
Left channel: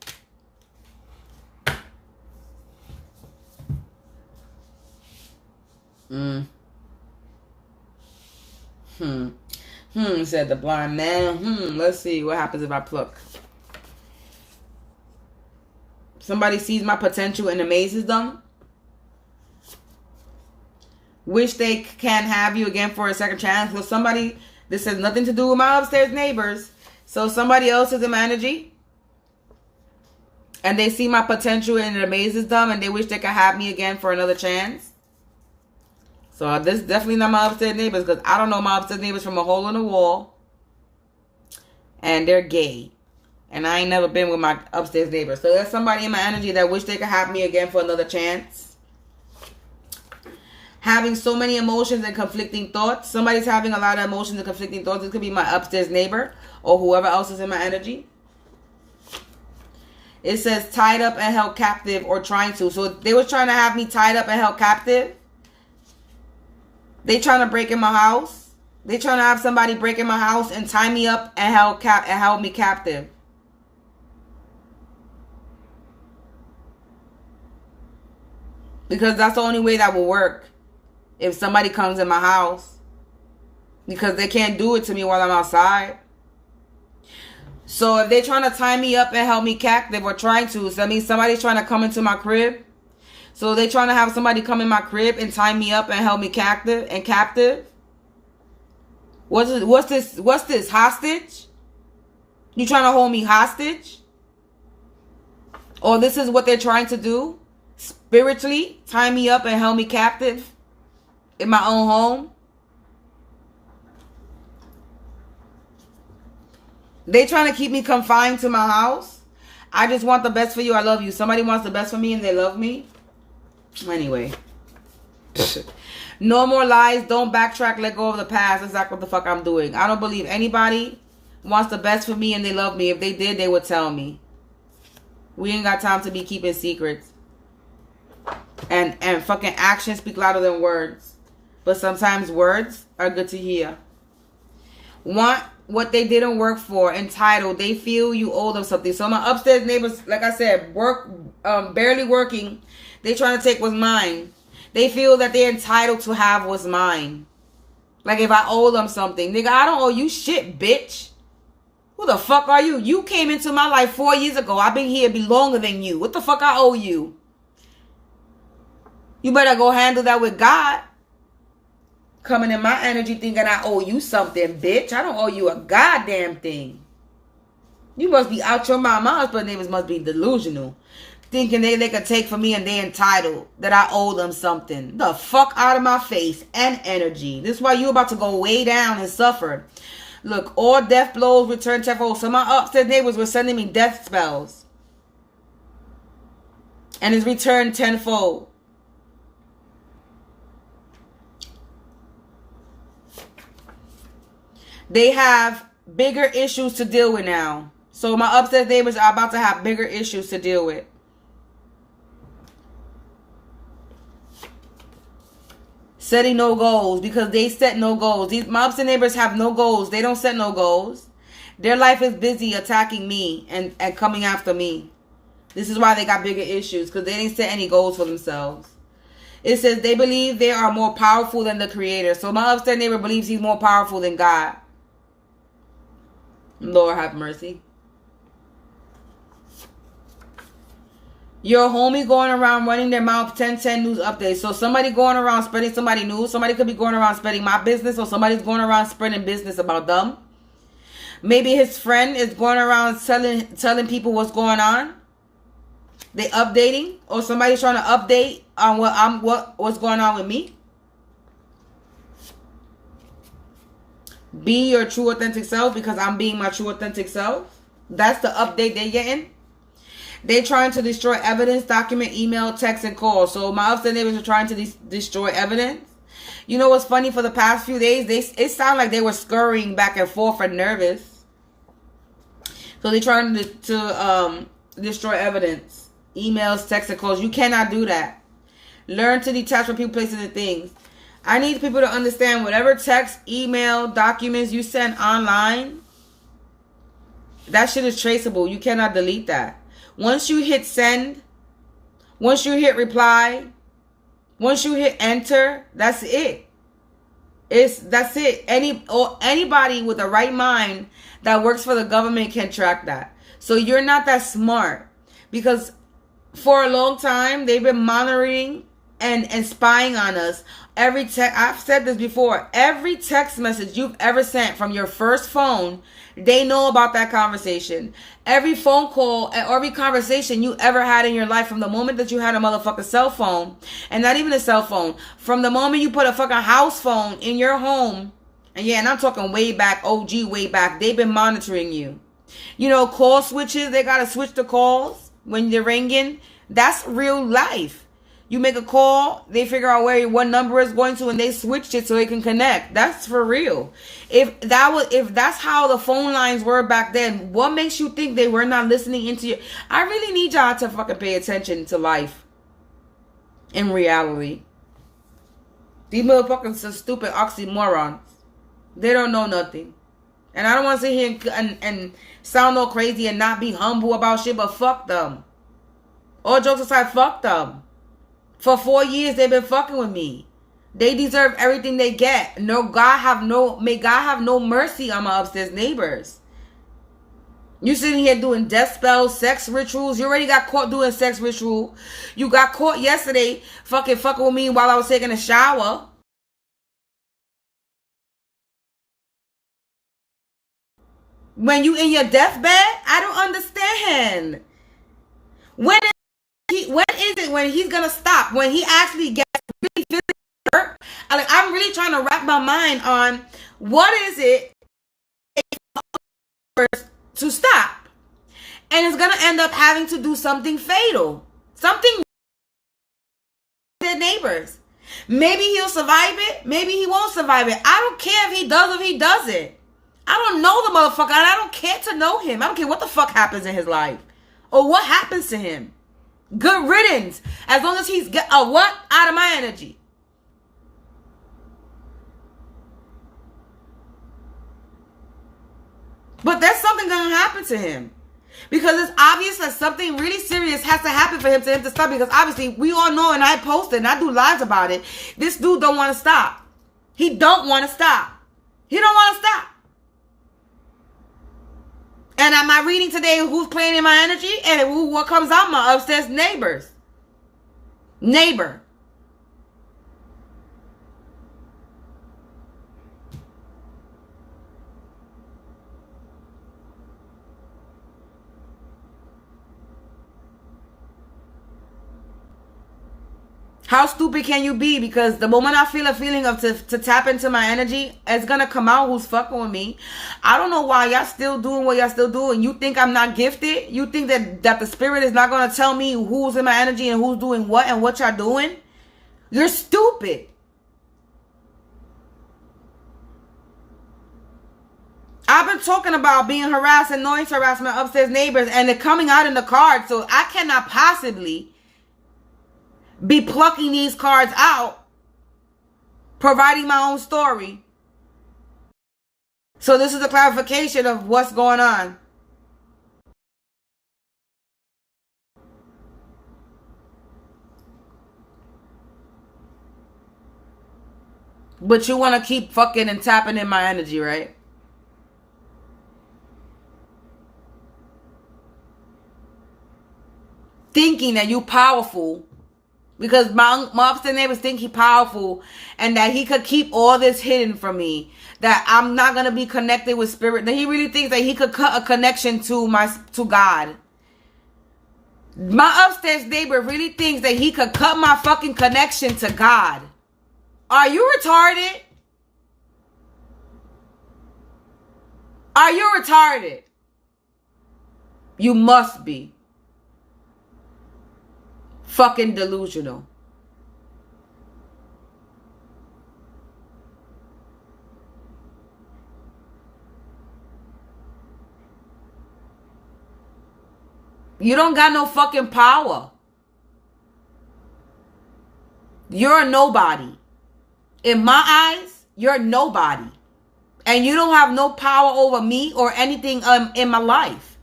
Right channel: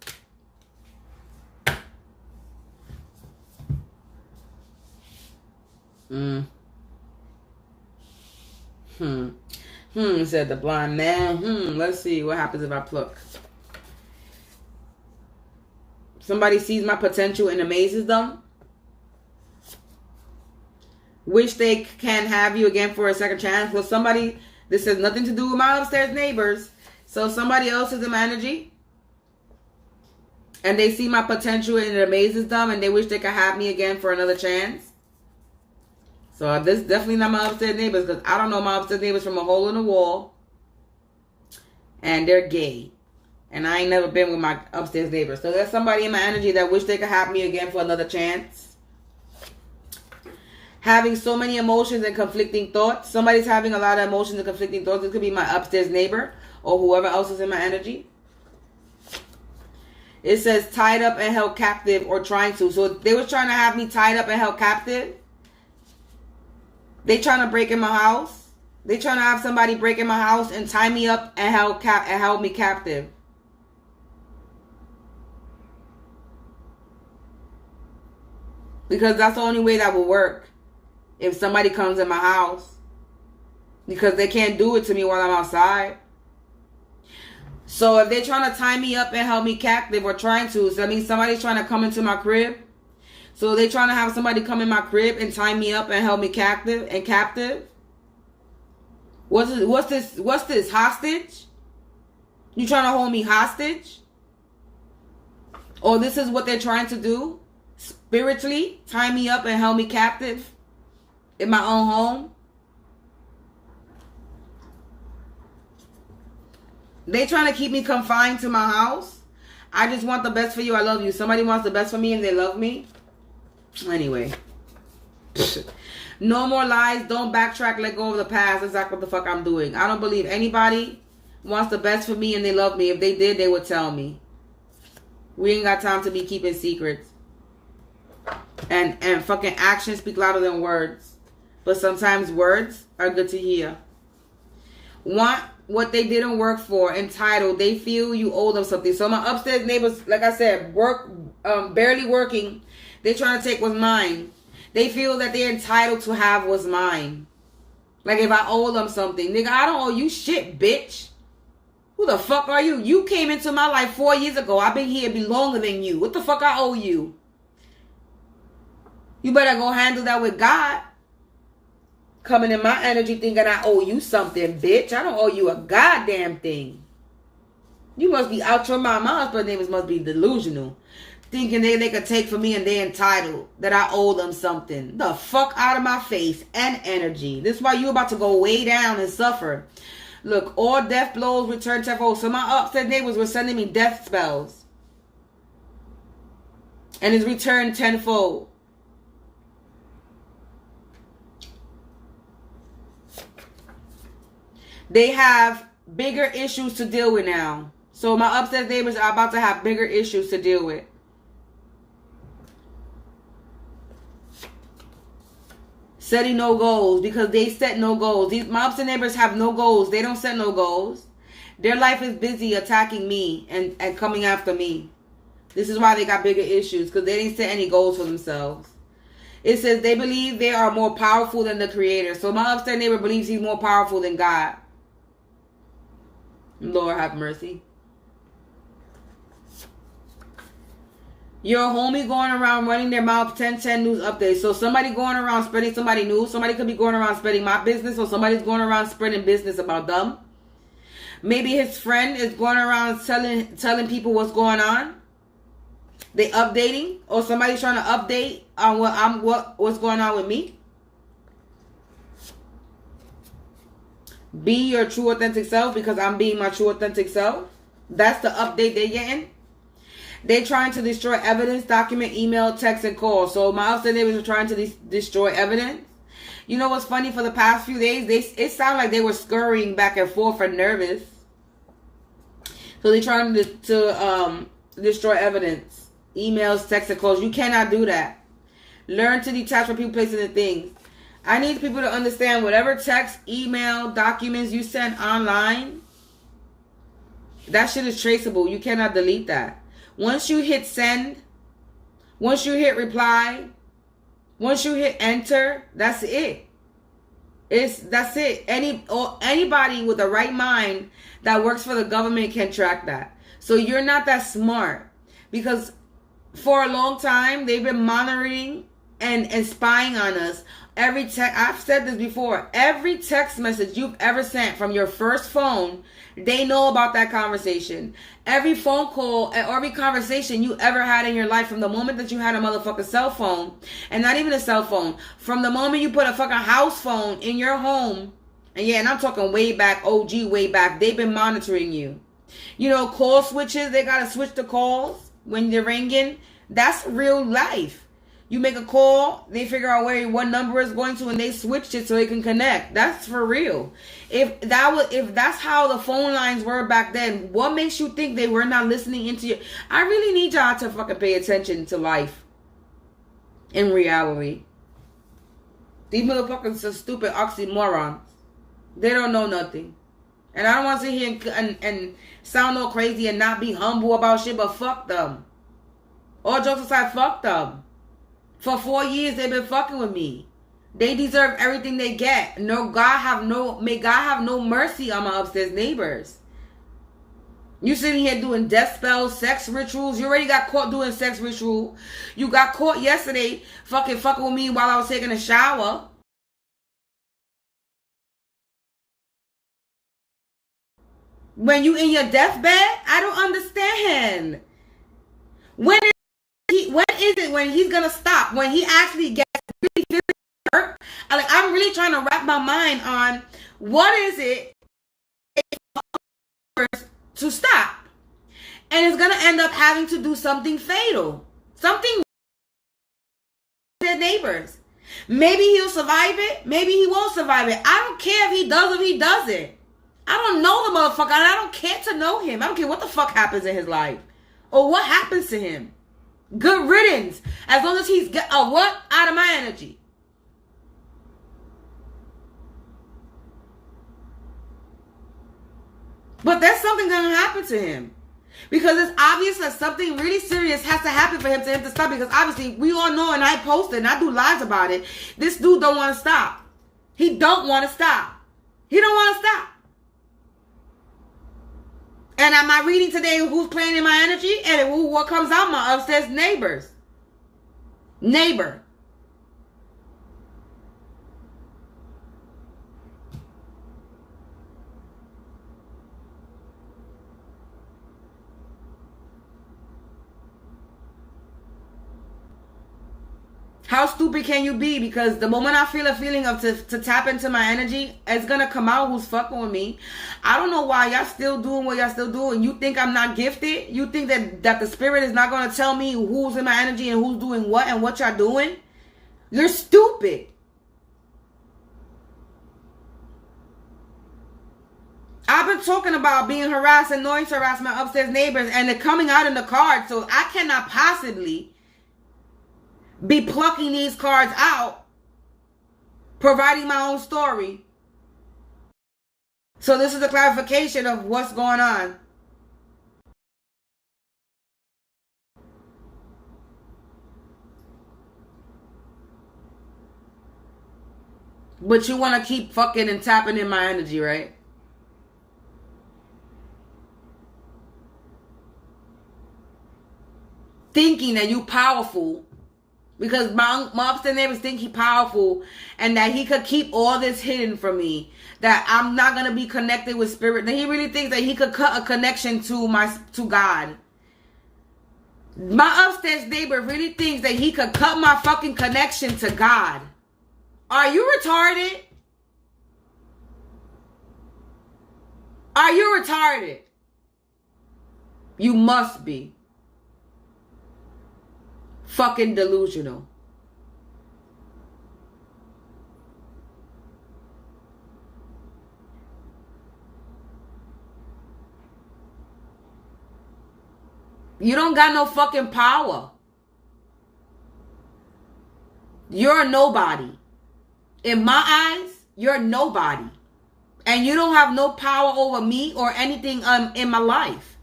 Said the blind man. Let's see what happens if I pluck. Somebody sees my potential and amazes them. Wish they can have you again for a second chance. Well, somebody, this has nothing to do with my upstairs neighbors. So somebody else is in my energy. And they see my potential and it amazes them. And they wish they could have me again for another chance. So this is definitely not my upstairs neighbors. Because I don't know my upstairs neighbors from a hole in the wall. And they're gay. And I ain't never been with my upstairs neighbors. So there's somebody in my energy that wish they could have me again for another chance. Having so many emotions and conflicting thoughts. Somebody's having a lot of emotions and conflicting thoughts. This could be my upstairs neighbor or whoever else is in my energy. It says tied up and held captive or trying to. So they was trying to have me tied up and held captive. They trying to break in my house. They trying to have somebody break in my house and tie me up and held me captive. Because that's the only way that will work. If somebody comes in my house. Because they can't do it to me while I'm outside. So if they're trying to tie me up and hold me captive or trying to. So that means somebody's trying to come into my crib. So they're trying to have somebody come in my crib and tie me up and hold me captive. What's this? Hostage? You trying to hold me hostage? Or this is what they're trying to do? Spiritually, tie me up and held me captive in my own home. They trying to keep me confined to my house. I just want the best for you. I love you. Somebody wants the best for me and they love me. Anyway. No more lies. Don't backtrack. Let go of the past. That's exactly what the fuck I'm doing. I don't believe anybody wants the best for me and they love me. If they did, they would tell me. We ain't got time to be keeping secrets. And fucking actions speak louder than words. But sometimes words are good to hear. Want what they didn't work for. Entitled. They feel you owe them something. So my upstairs neighbors, like I said, barely working. They trying to take what's mine. They feel that they're entitled to have what's mine. Like if I owe them something. Nigga, I don't owe you shit, bitch. Who the fuck are you? You came into my life 4 years ago. I've been here be longer than you. What the fuck I owe you? You better go handle that with God. Coming in my energy thinking I owe you something, bitch. I don't owe you a goddamn thing. You must be out your mind. My husband's neighbors must be delusional. Thinking they could take from me and they entitled. That I owe them something. The fuck out of my face and energy. This is why you about to go way down and suffer. Look, all death blows return tenfold. So my upstairs neighbors were sending me death spells. And it's returned tenfold. They have bigger issues to deal with now. So my upstairs neighbors are about to have bigger issues to deal with. Setting no goals because they set no goals. My upstairs neighbors have no goals. They don't set no goals. Their life is busy attacking me and coming after me. This is why they got bigger issues because they didn't set any goals for themselves. It says they believe they are more powerful than the creator. So my upstairs neighbor believes he's more powerful than God. Lord have mercy. Your homie going around running their mouth 10 news updates. So somebody going around spreading somebody news. Somebody could be going around spreading my business, or somebody's going around spreading business about them. Maybe his friend is going around telling people what's going on. They updating, or somebody's trying to update on what's going on with me. Be your true authentic self, because I'm being my true authentic self. That's the update they're getting. They're trying to destroy evidence, document, email, text, and call. So my upstairs neighbors are trying to destroy evidence. You know what's funny? For the past few days, it sounded like they were scurrying back and forth and nervous. So they're trying to destroy evidence, emails, text, and calls. You cannot do that. Learn to detach from people, places, and things. I need people to understand whatever text, email, documents you send online, that shit is traceable. You cannot delete that. Once you hit send, once you hit reply, once you hit enter, that's it. That's it. Anybody with the right mind that works for the government can track that. So you're not that smart, because for a long time they've been monitoring and spying on us. I've said this before. Every text message you've ever sent from your first phone, they know about that conversation. Every phone call, every conversation you ever had in your life, from the moment that you had a motherfucking cell phone, and not even a cell phone, from the moment you put a fucking house phone in your home, and I'm talking way back, OG way back, they've been monitoring you. You know, call switches, they gotta switch the calls when they're ringing. That's real life. You make a call, they figure out what number is going to, and they switched it so it can connect. That's for real. If that's how the phone lines were back then, what makes you think they were not listening into you? I really need y'all to fucking pay attention to life in reality. These motherfuckers are stupid oxymorons. They don't know nothing. And I don't want to sit here and sound all crazy and not be humble about shit, but fuck them. All jokes aside, fuck them. For 4 years, they've been fucking with me. They deserve everything they get. May God have no mercy on my upstairs neighbors. You sitting here doing death spells, sex rituals. You already got caught doing sex ritual. You got caught yesterday fucking with me while I was taking a shower. When you in your deathbed, I don't understand. When is it when he's gonna stop? When he actually gets really physically hurt? I'm really trying to wrap my mind on what is it to stop, and it's gonna end up having to do something fatal, something with their neighbors. Maybe he'll survive it. Maybe he won't survive it. I don't care if he does or if he doesn't. I don't know the motherfucker, and I don't care to know him. I don't care what the fuck happens in his life or what happens to him. Good riddance. As long as he's get a what out of my energy. But there's something gonna happen to him, because it's obvious that something really serious has to happen for him to stop. Because obviously we all know, and I posted and I do lives about it, this dude don't want to stop. He don't want to stop. He don't want to stop. And am I reading today who's playing in my energy? And what comes out? My upstairs neighbor. How stupid can you be? Because the moment I feel a feeling of to tap into my energy, it's gonna come out who's fucking with me. I don't know why y'all still doing what y'all still doing. You think I'm not gifted? You think that the spirit is not gonna tell me who's in my energy and who's doing what and what y'all doing? You're stupid. I've been talking about being harassed and noise harassed my upstairs neighbors, and they're coming out in the cards, so I cannot possibly be plucking these cards out, providing my own story. So this is a clarification of what's going on. But you want to keep fucking and tapping in my energy, right? Thinking that you powerful. Because my upstairs neighbors think he powerful. And that he could keep all this hidden from me. That I'm not going to be connected with spirit. That he really thinks that he could cut a connection to God. My upstairs neighbor really thinks that he could cut my fucking connection to God. Are you retarded? Are you retarded? You must be. Fucking delusional. You don't got no fucking power. You're a nobody. In my eyes, you're nobody. And you don't have no power over me or anything in my life.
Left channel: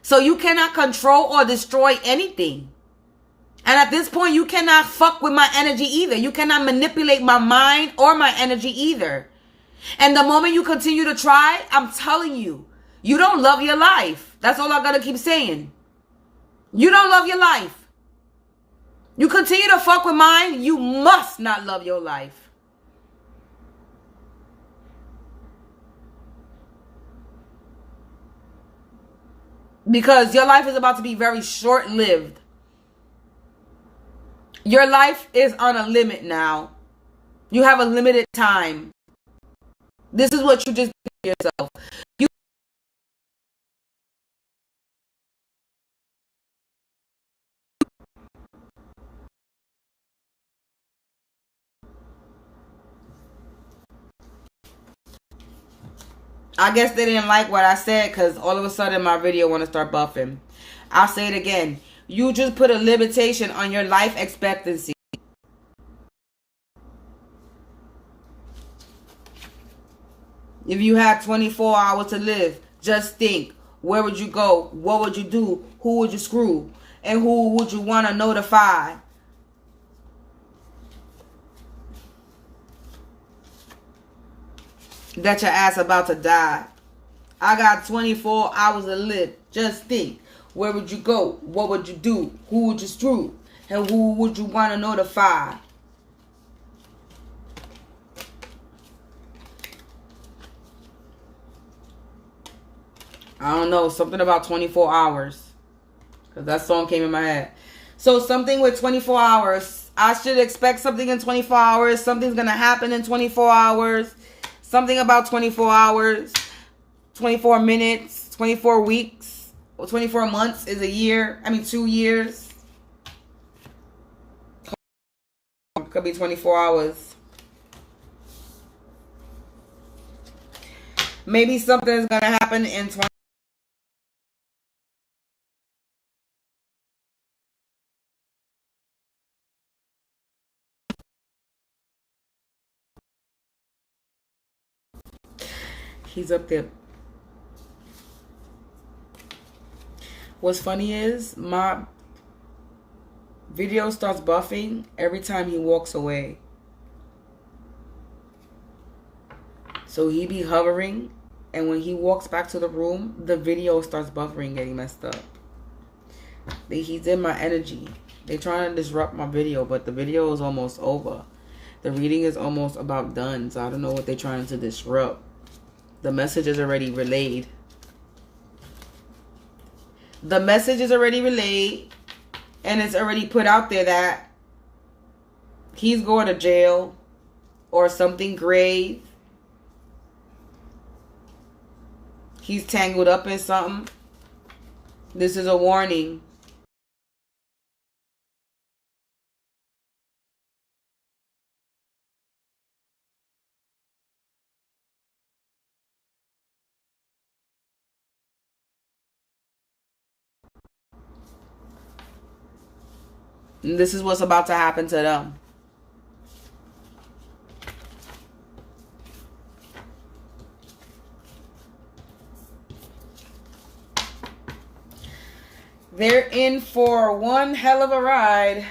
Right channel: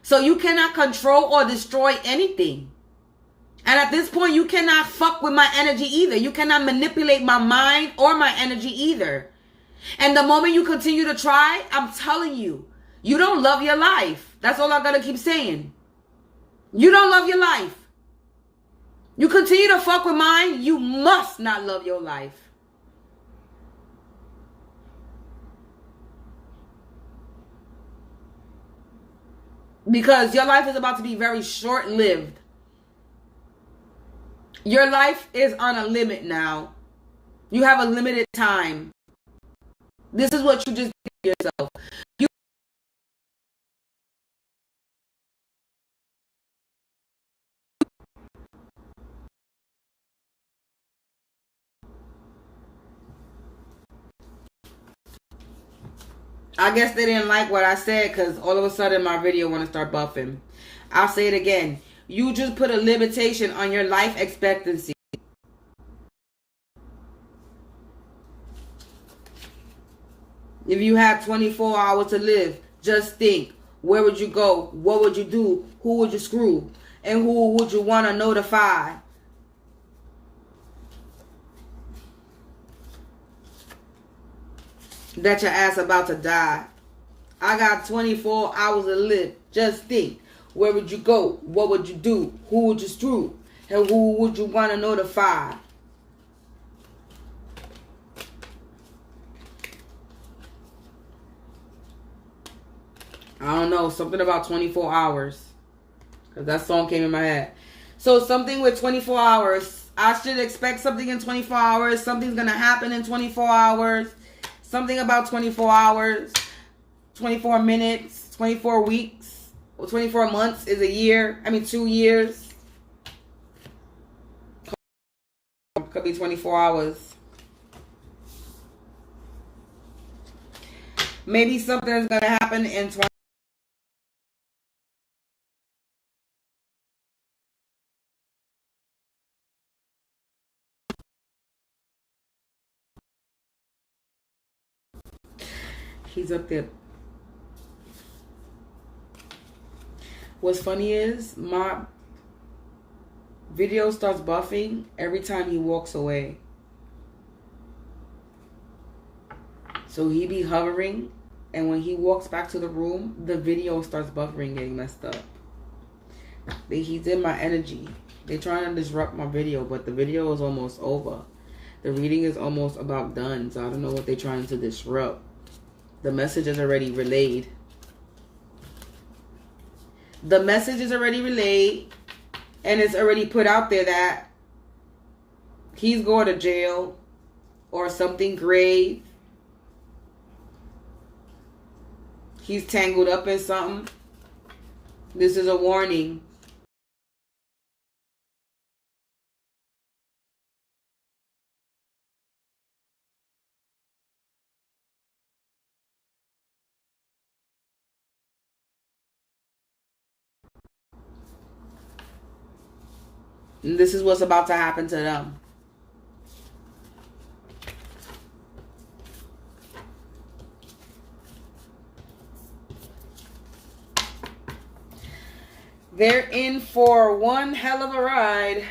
So you cannot control or destroy anything. And at this point, you cannot fuck with my energy either. You cannot manipulate my mind or my energy either. And the moment you continue to try, I'm telling you, you don't love your life. That's all I gotta keep saying. You don't love your life. You continue to fuck with mine, you must not love your life. Because your life is about to be very short-lived. Your life is on a limit now. You have a limited time. This is what you just did to yourself. I guess they didn't like what I said because all of a sudden my video want to start buffing. I'll say it again. You just put a limitation on your life expectancy. If you had 24 hours to live, just think. Where would you go? What would you do? Who would you screw? And who would you want to notify? That your ass about to die. I got 24 hours to live. Just think. Where would you go? What would you do? Who would you screw? And who would you want to notify? I don't know. Something about 24 hours. Because that song came in my head. So something with 24 hours. I should expect something in 24 hours. Something's going to happen in 24 hours. Something about 24 hours. 24 minutes. 24 weeks. 24 months is a year. 2 years. Could be 24 hours. Maybe something is going to happen in 20. He's up there. What's funny is my video starts buffing every time he walks away. So he be hovering, and when he walks back to the room, the video starts buffering, getting messed up. He's in my energy. They're trying to disrupt my video, but the video is almost over. The reading is almost about done, so I don't know what they're trying to disrupt. The message is already relayed. The message is already relayed, and it's already put out there that he's going to jail or something grave. He's tangled up in something. This is a warning. And this is what's about to happen to them. They're in for one hell of a ride.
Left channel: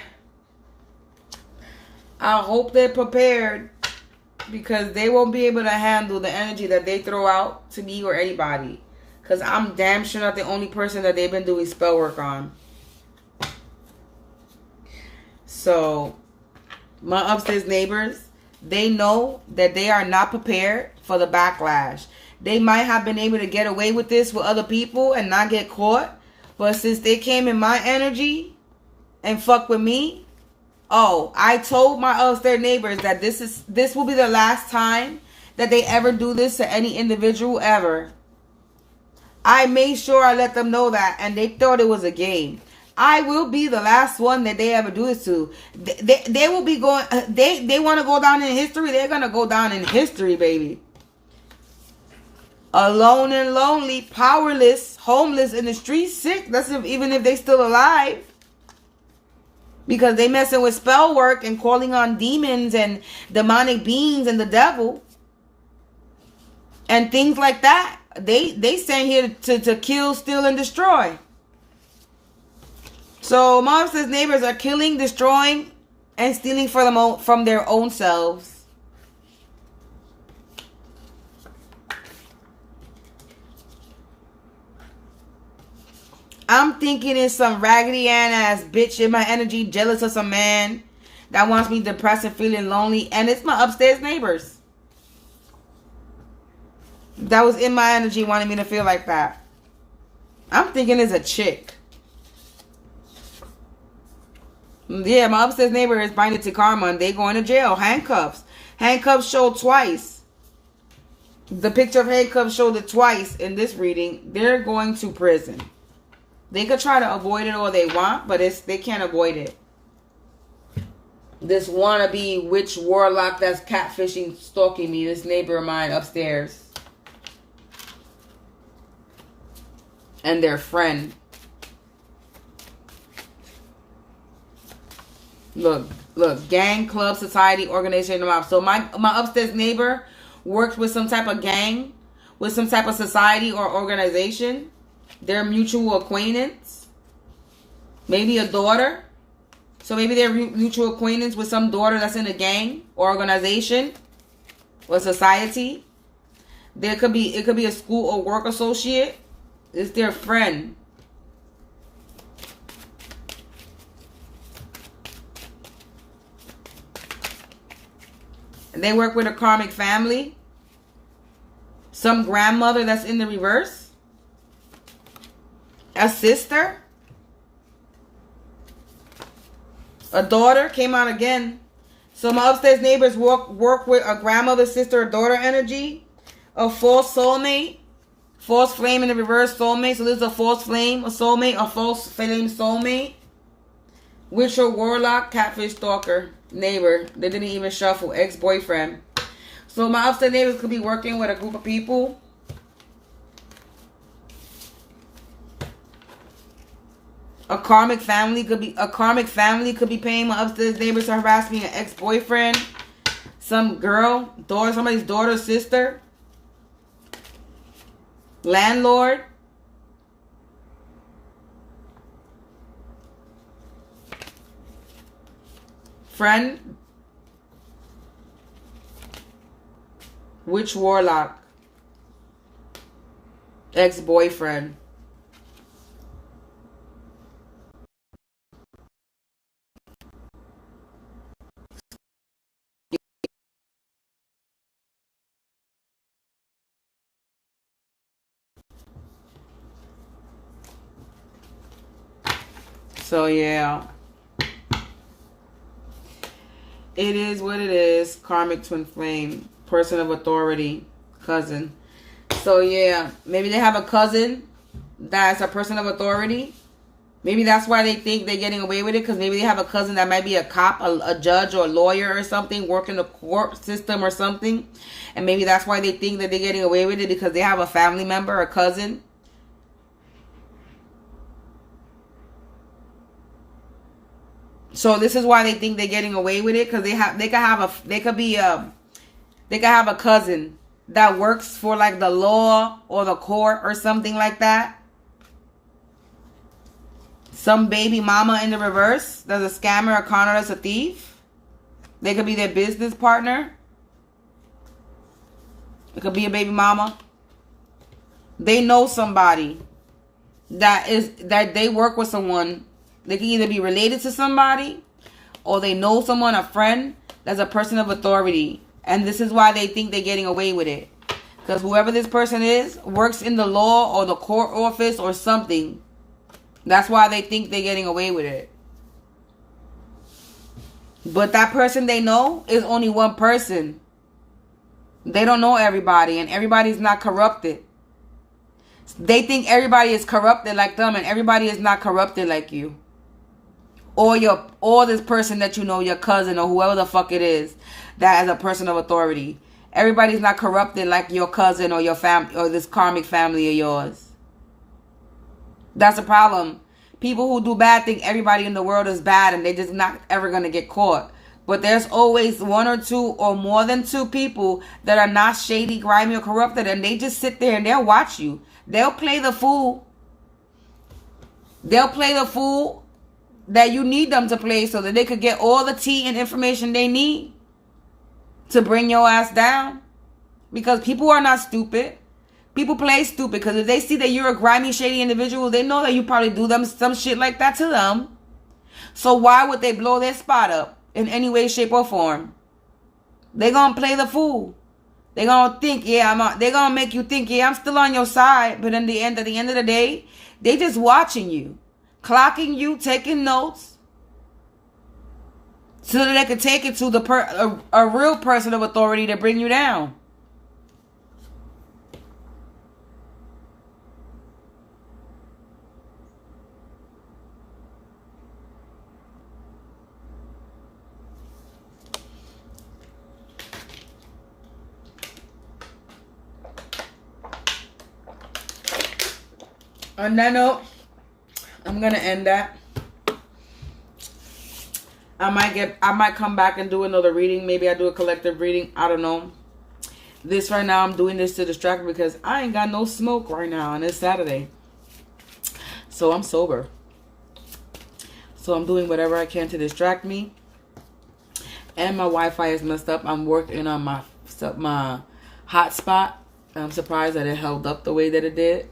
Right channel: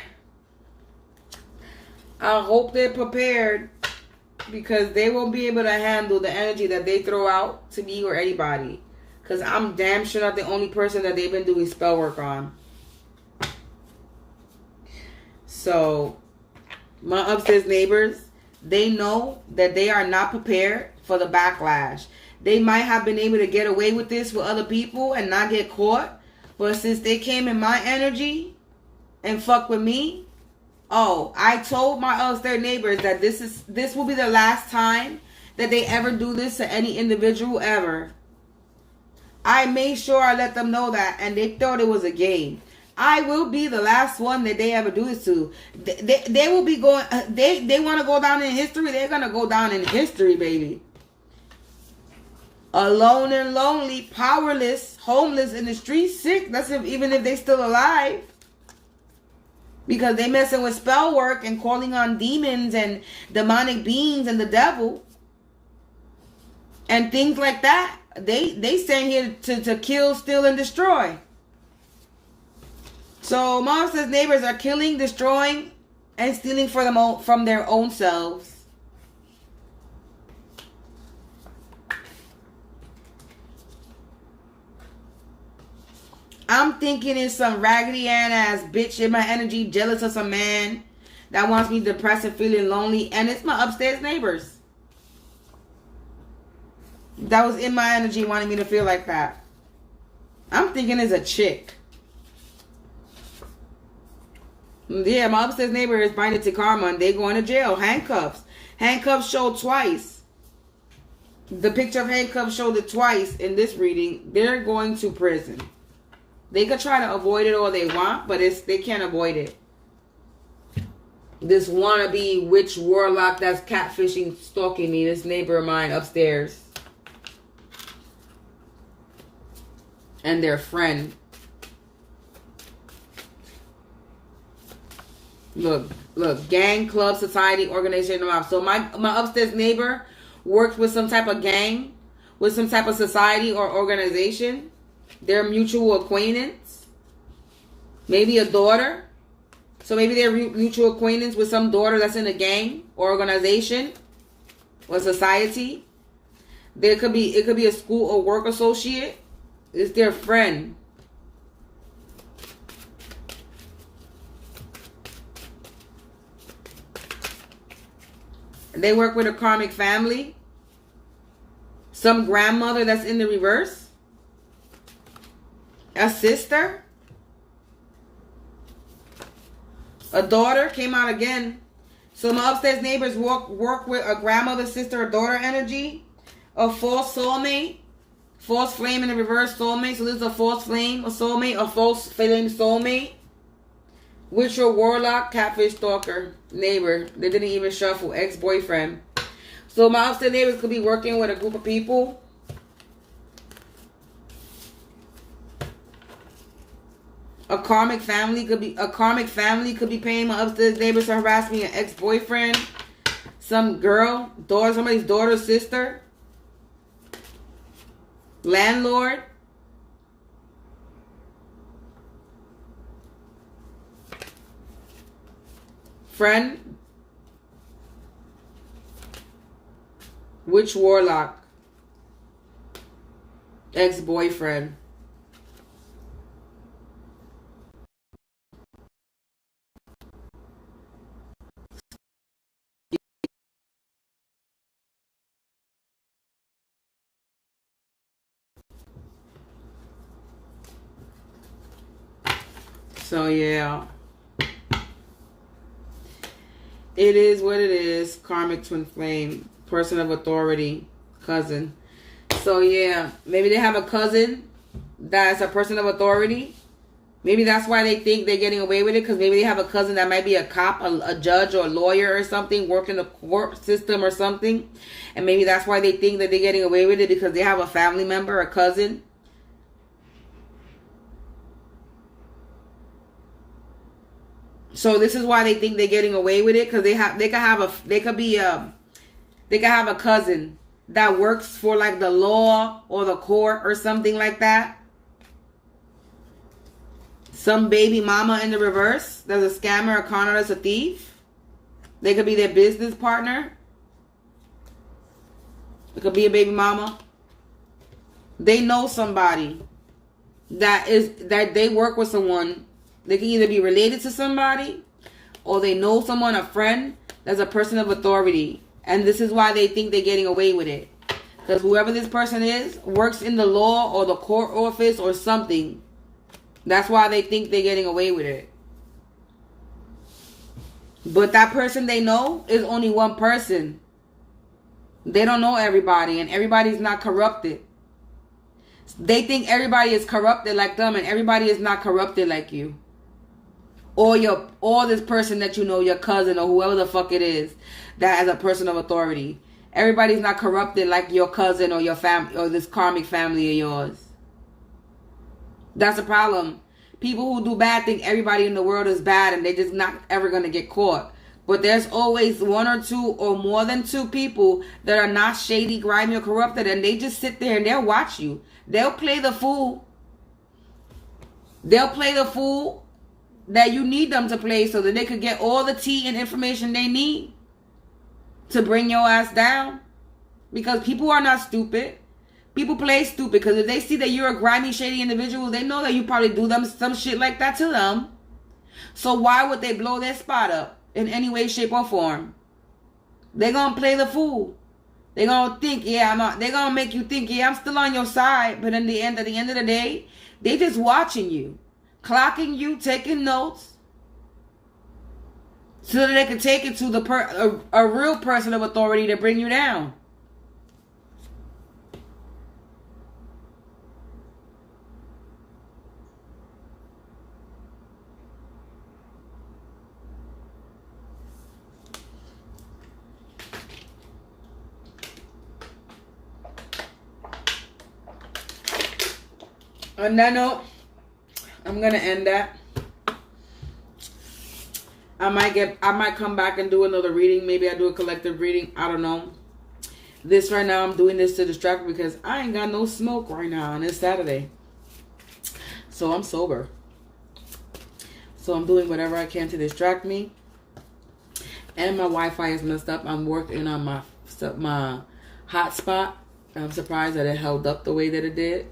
I hope they're prepared. because they won't be able to handle the energy that they throw out to me or anybody. Because I'm damn sure not the only person that they've been doing spell work on. So, my upstairs neighbors, they know that they are not prepared for the backlash. They might have been able to get away with this with other people and not get caught. But since they came in my energy and fuck with me, oh, I told my upstairs neighbors that this will be the last time that they ever do this to any individual ever. I made sure I let them know that, and they thought it was a game. I will be the last one that they ever do this to. They will be going. They want to go down in history. They're gonna go down in history, baby. Alone and lonely, powerless, homeless in the streets, sick. That's even if they still alive. Because they messing with spell work and calling on demons and demonic beings and the devil. And things like that. They sent here to kill, steal, and destroy. So my upstairs neighbors are killing, destroying, and stealing from their own selves. I'm thinking it's some raggedy ass bitch in my energy, jealous of some man that wants me depressed and feeling lonely, and it's my upstairs neighbors that was in my energy wanting me to feel like that. I'm thinking it's a chick. Yeah, my upstairs neighbor is binded to karma and they going to jail. Handcuffs. Handcuffs showed twice. The picture of handcuffs showed it twice in this reading. They're going to prison. They could try to avoid it all they want, but they can't avoid it. This wannabe witch warlock that's catfishing, stalking me, this neighbor of mine upstairs. And their friend. Look, gang, club, society, organization, so my upstairs neighbor works with some type of gang, with some type of society or organization. Their mutual acquaintance. Maybe a daughter. So maybe they're mutual acquaintance with some daughter that's in a gang or organization or society. It could be a school or work associate. It's their friend. They work with a karmic family. Some grandmother that's in the reverse. A sister. A daughter came out again. So my upstairs neighbors work with a grandmother, sister, or daughter energy. A false soulmate. False flame in the reverse soulmate. So this is a false flame, a soulmate, a false flame soulmate. Witch or warlock, catfish, stalker, neighbor. They didn't even shuffle. Ex-boyfriend. So my upstairs neighbors could be working with a group of people. A karmic family could be paying my upstairs neighbors to harass me. An ex-boyfriend, some girl, somebody's daughter, sister, landlord, friend, witch, warlock, ex-boyfriend. So yeah, it is what it is. Karmic twin flame, person of authority, cousin. So yeah, maybe they have a cousin that's a person of authority. Maybe that's why they think they're getting away with it, because maybe they have a cousin that might be a cop, a judge, or a lawyer or something, working the court system or something. And maybe that's why they think that they're getting away with it, because they have a family member, a cousin. So this is why they think they're getting away with it, because they could have a cousin that works for like the law or the court or something like that. Some baby mama in the reverse that's a scammer, a con artist, a thief. They could be their business partner. It could be a baby mama. They know somebody that they work with someone. They can either be related to somebody, or they know someone, a friend, that's a person of authority. And this is why they think they're getting away with it. Because whoever this person is works in the law or the court office or something. That's why they think they're getting away with it. But that person they know is only one person. They don't know everybody, and everybody's not corrupted. They think everybody is corrupted like them, and everybody is not corrupted like you. Or this person that you know, your cousin or whoever the fuck it is, that is a person of authority. Everybody's not corrupted like your cousin or your family or this karmic family of yours. That's a problem. People who do bad think everybody in the world is bad and they're just not ever going to get caught. But there's always one or two or more than two people that are not shady, grimy, or corrupted, and they just sit there and they'll watch you. They'll play the fool. They'll play the fool that you need them to play so that they could get all the tea and information they need to bring your ass down. Because people are not stupid. People play stupid because if they see that you're a grimy, shady individual, they know that you probably do them some shit like that to them. So why would they blow their spot up in any way, shape, or form? They're going to play the fool. They're going to think, they're going to make you think, I'm still on your side. But at the end of the day, they just watching you, clocking you, taking notes, so that they can take it to a real person of authority to bring you down. On that note, I'm gonna end that. I might come back and do another reading. Maybe I do a collective reading. I don't know. This right now, I'm doing this to distract me because I ain't got no smoke right now, and it's Saturday. So I'm sober. So I'm doing whatever I can to distract me. And my Wi-Fi is messed up. I'm working on my hotspot. I'm surprised that it held up the way that it did.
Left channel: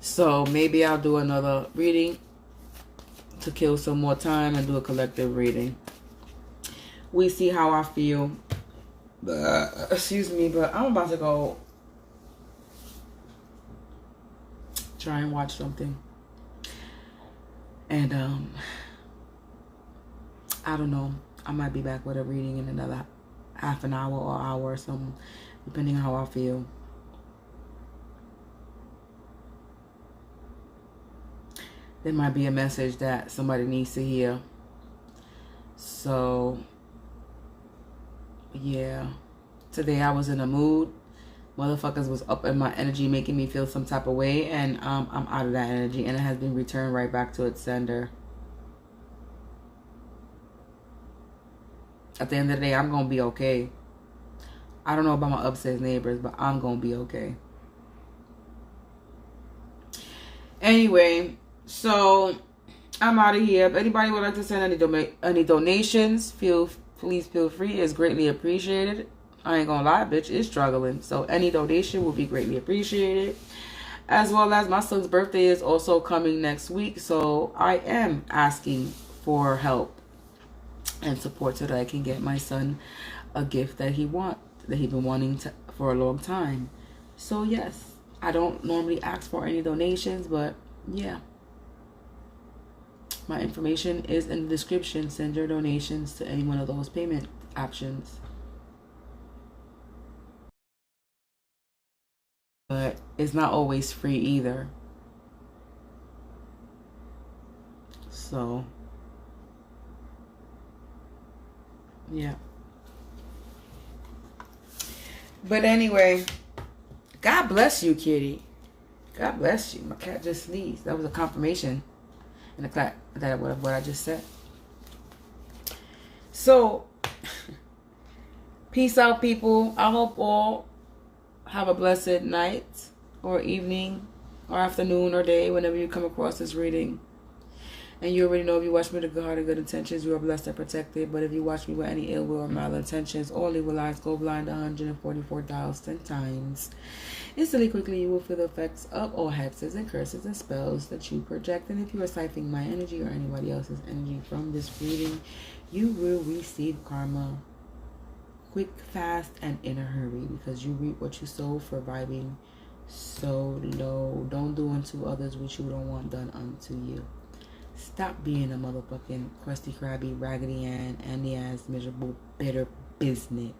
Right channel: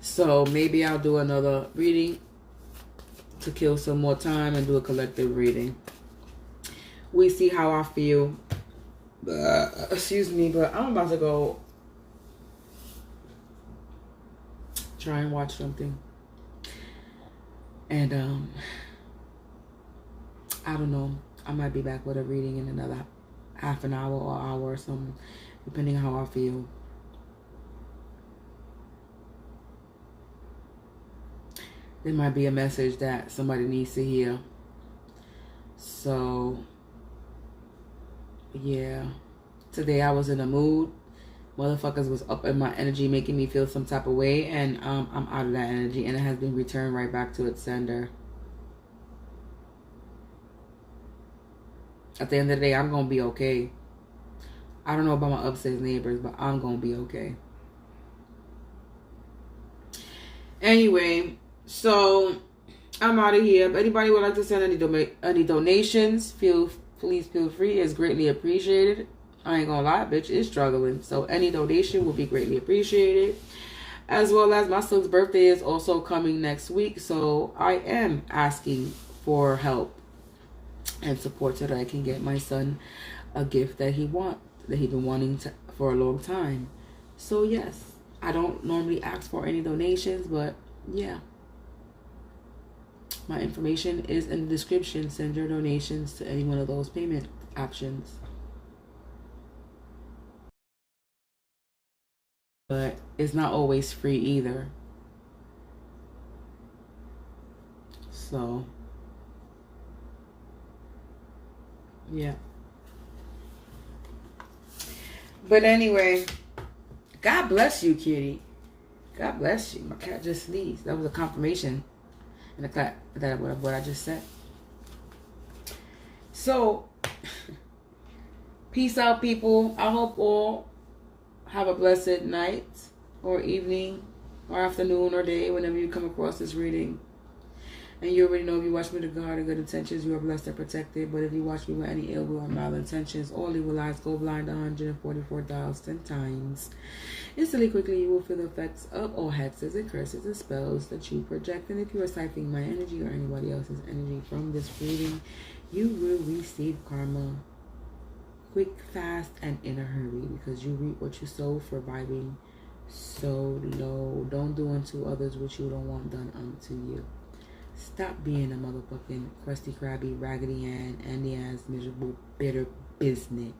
So maybe I'll do another reading to kill some more time and do a collective reading. We see how I feel. Excuse me, but I'm about to go try and watch something. And I don't know. I might be back with a reading in another half an hour or hour or something, depending on how I feel. There might be a message that somebody needs to hear. So, yeah. Today I was in a mood. Motherfuckers was up in my energy, making me feel some type of way. And I'm out of that energy. And it has been returned right back to its sender. At the end of the day, I'm going to be okay. I don't know about my upstairs neighbors, but I'm going to be okay. Anyway, so I'm out of here. If anybody would like to send any donations, please feel free. It's greatly appreciated. I ain't gonna lie, bitch is struggling. So any donation will be greatly appreciated. As well as my son's birthday is also coming next week. So I am asking for help and support so that I can get my son a gift that he's been wanting for a long time. So yes, I don't normally ask for any donations, but yeah. My information is in the description. Send your donations to any one of those payment options. But it's not always free either. So, yeah. But anyway, God bless you, kitty. God bless you. My cat just sneezed. That was a confirmation. And the cat, that what I just said. So, peace out, people. I hope all have a blessed night or evening or afternoon or day whenever you come across this reading. And you already know if you watch me with a good heart and good intentions, you are blessed and protected. But if you watch me with any ill will or malintentions, only will eyes go blind 144,000 times. Instantly, quickly, you will feel the effects of all hexes and curses and spells that you project. And if you are siphoning my energy or anybody else's energy from this reading, you will receive karma quick, fast, and in a hurry, because you reap what you sow for vibing so low. Don't do unto others what you don't want done unto you. Stop being a motherfucking crusty, crabby, raggedy Ann, Andy ass, miserable, bitter business.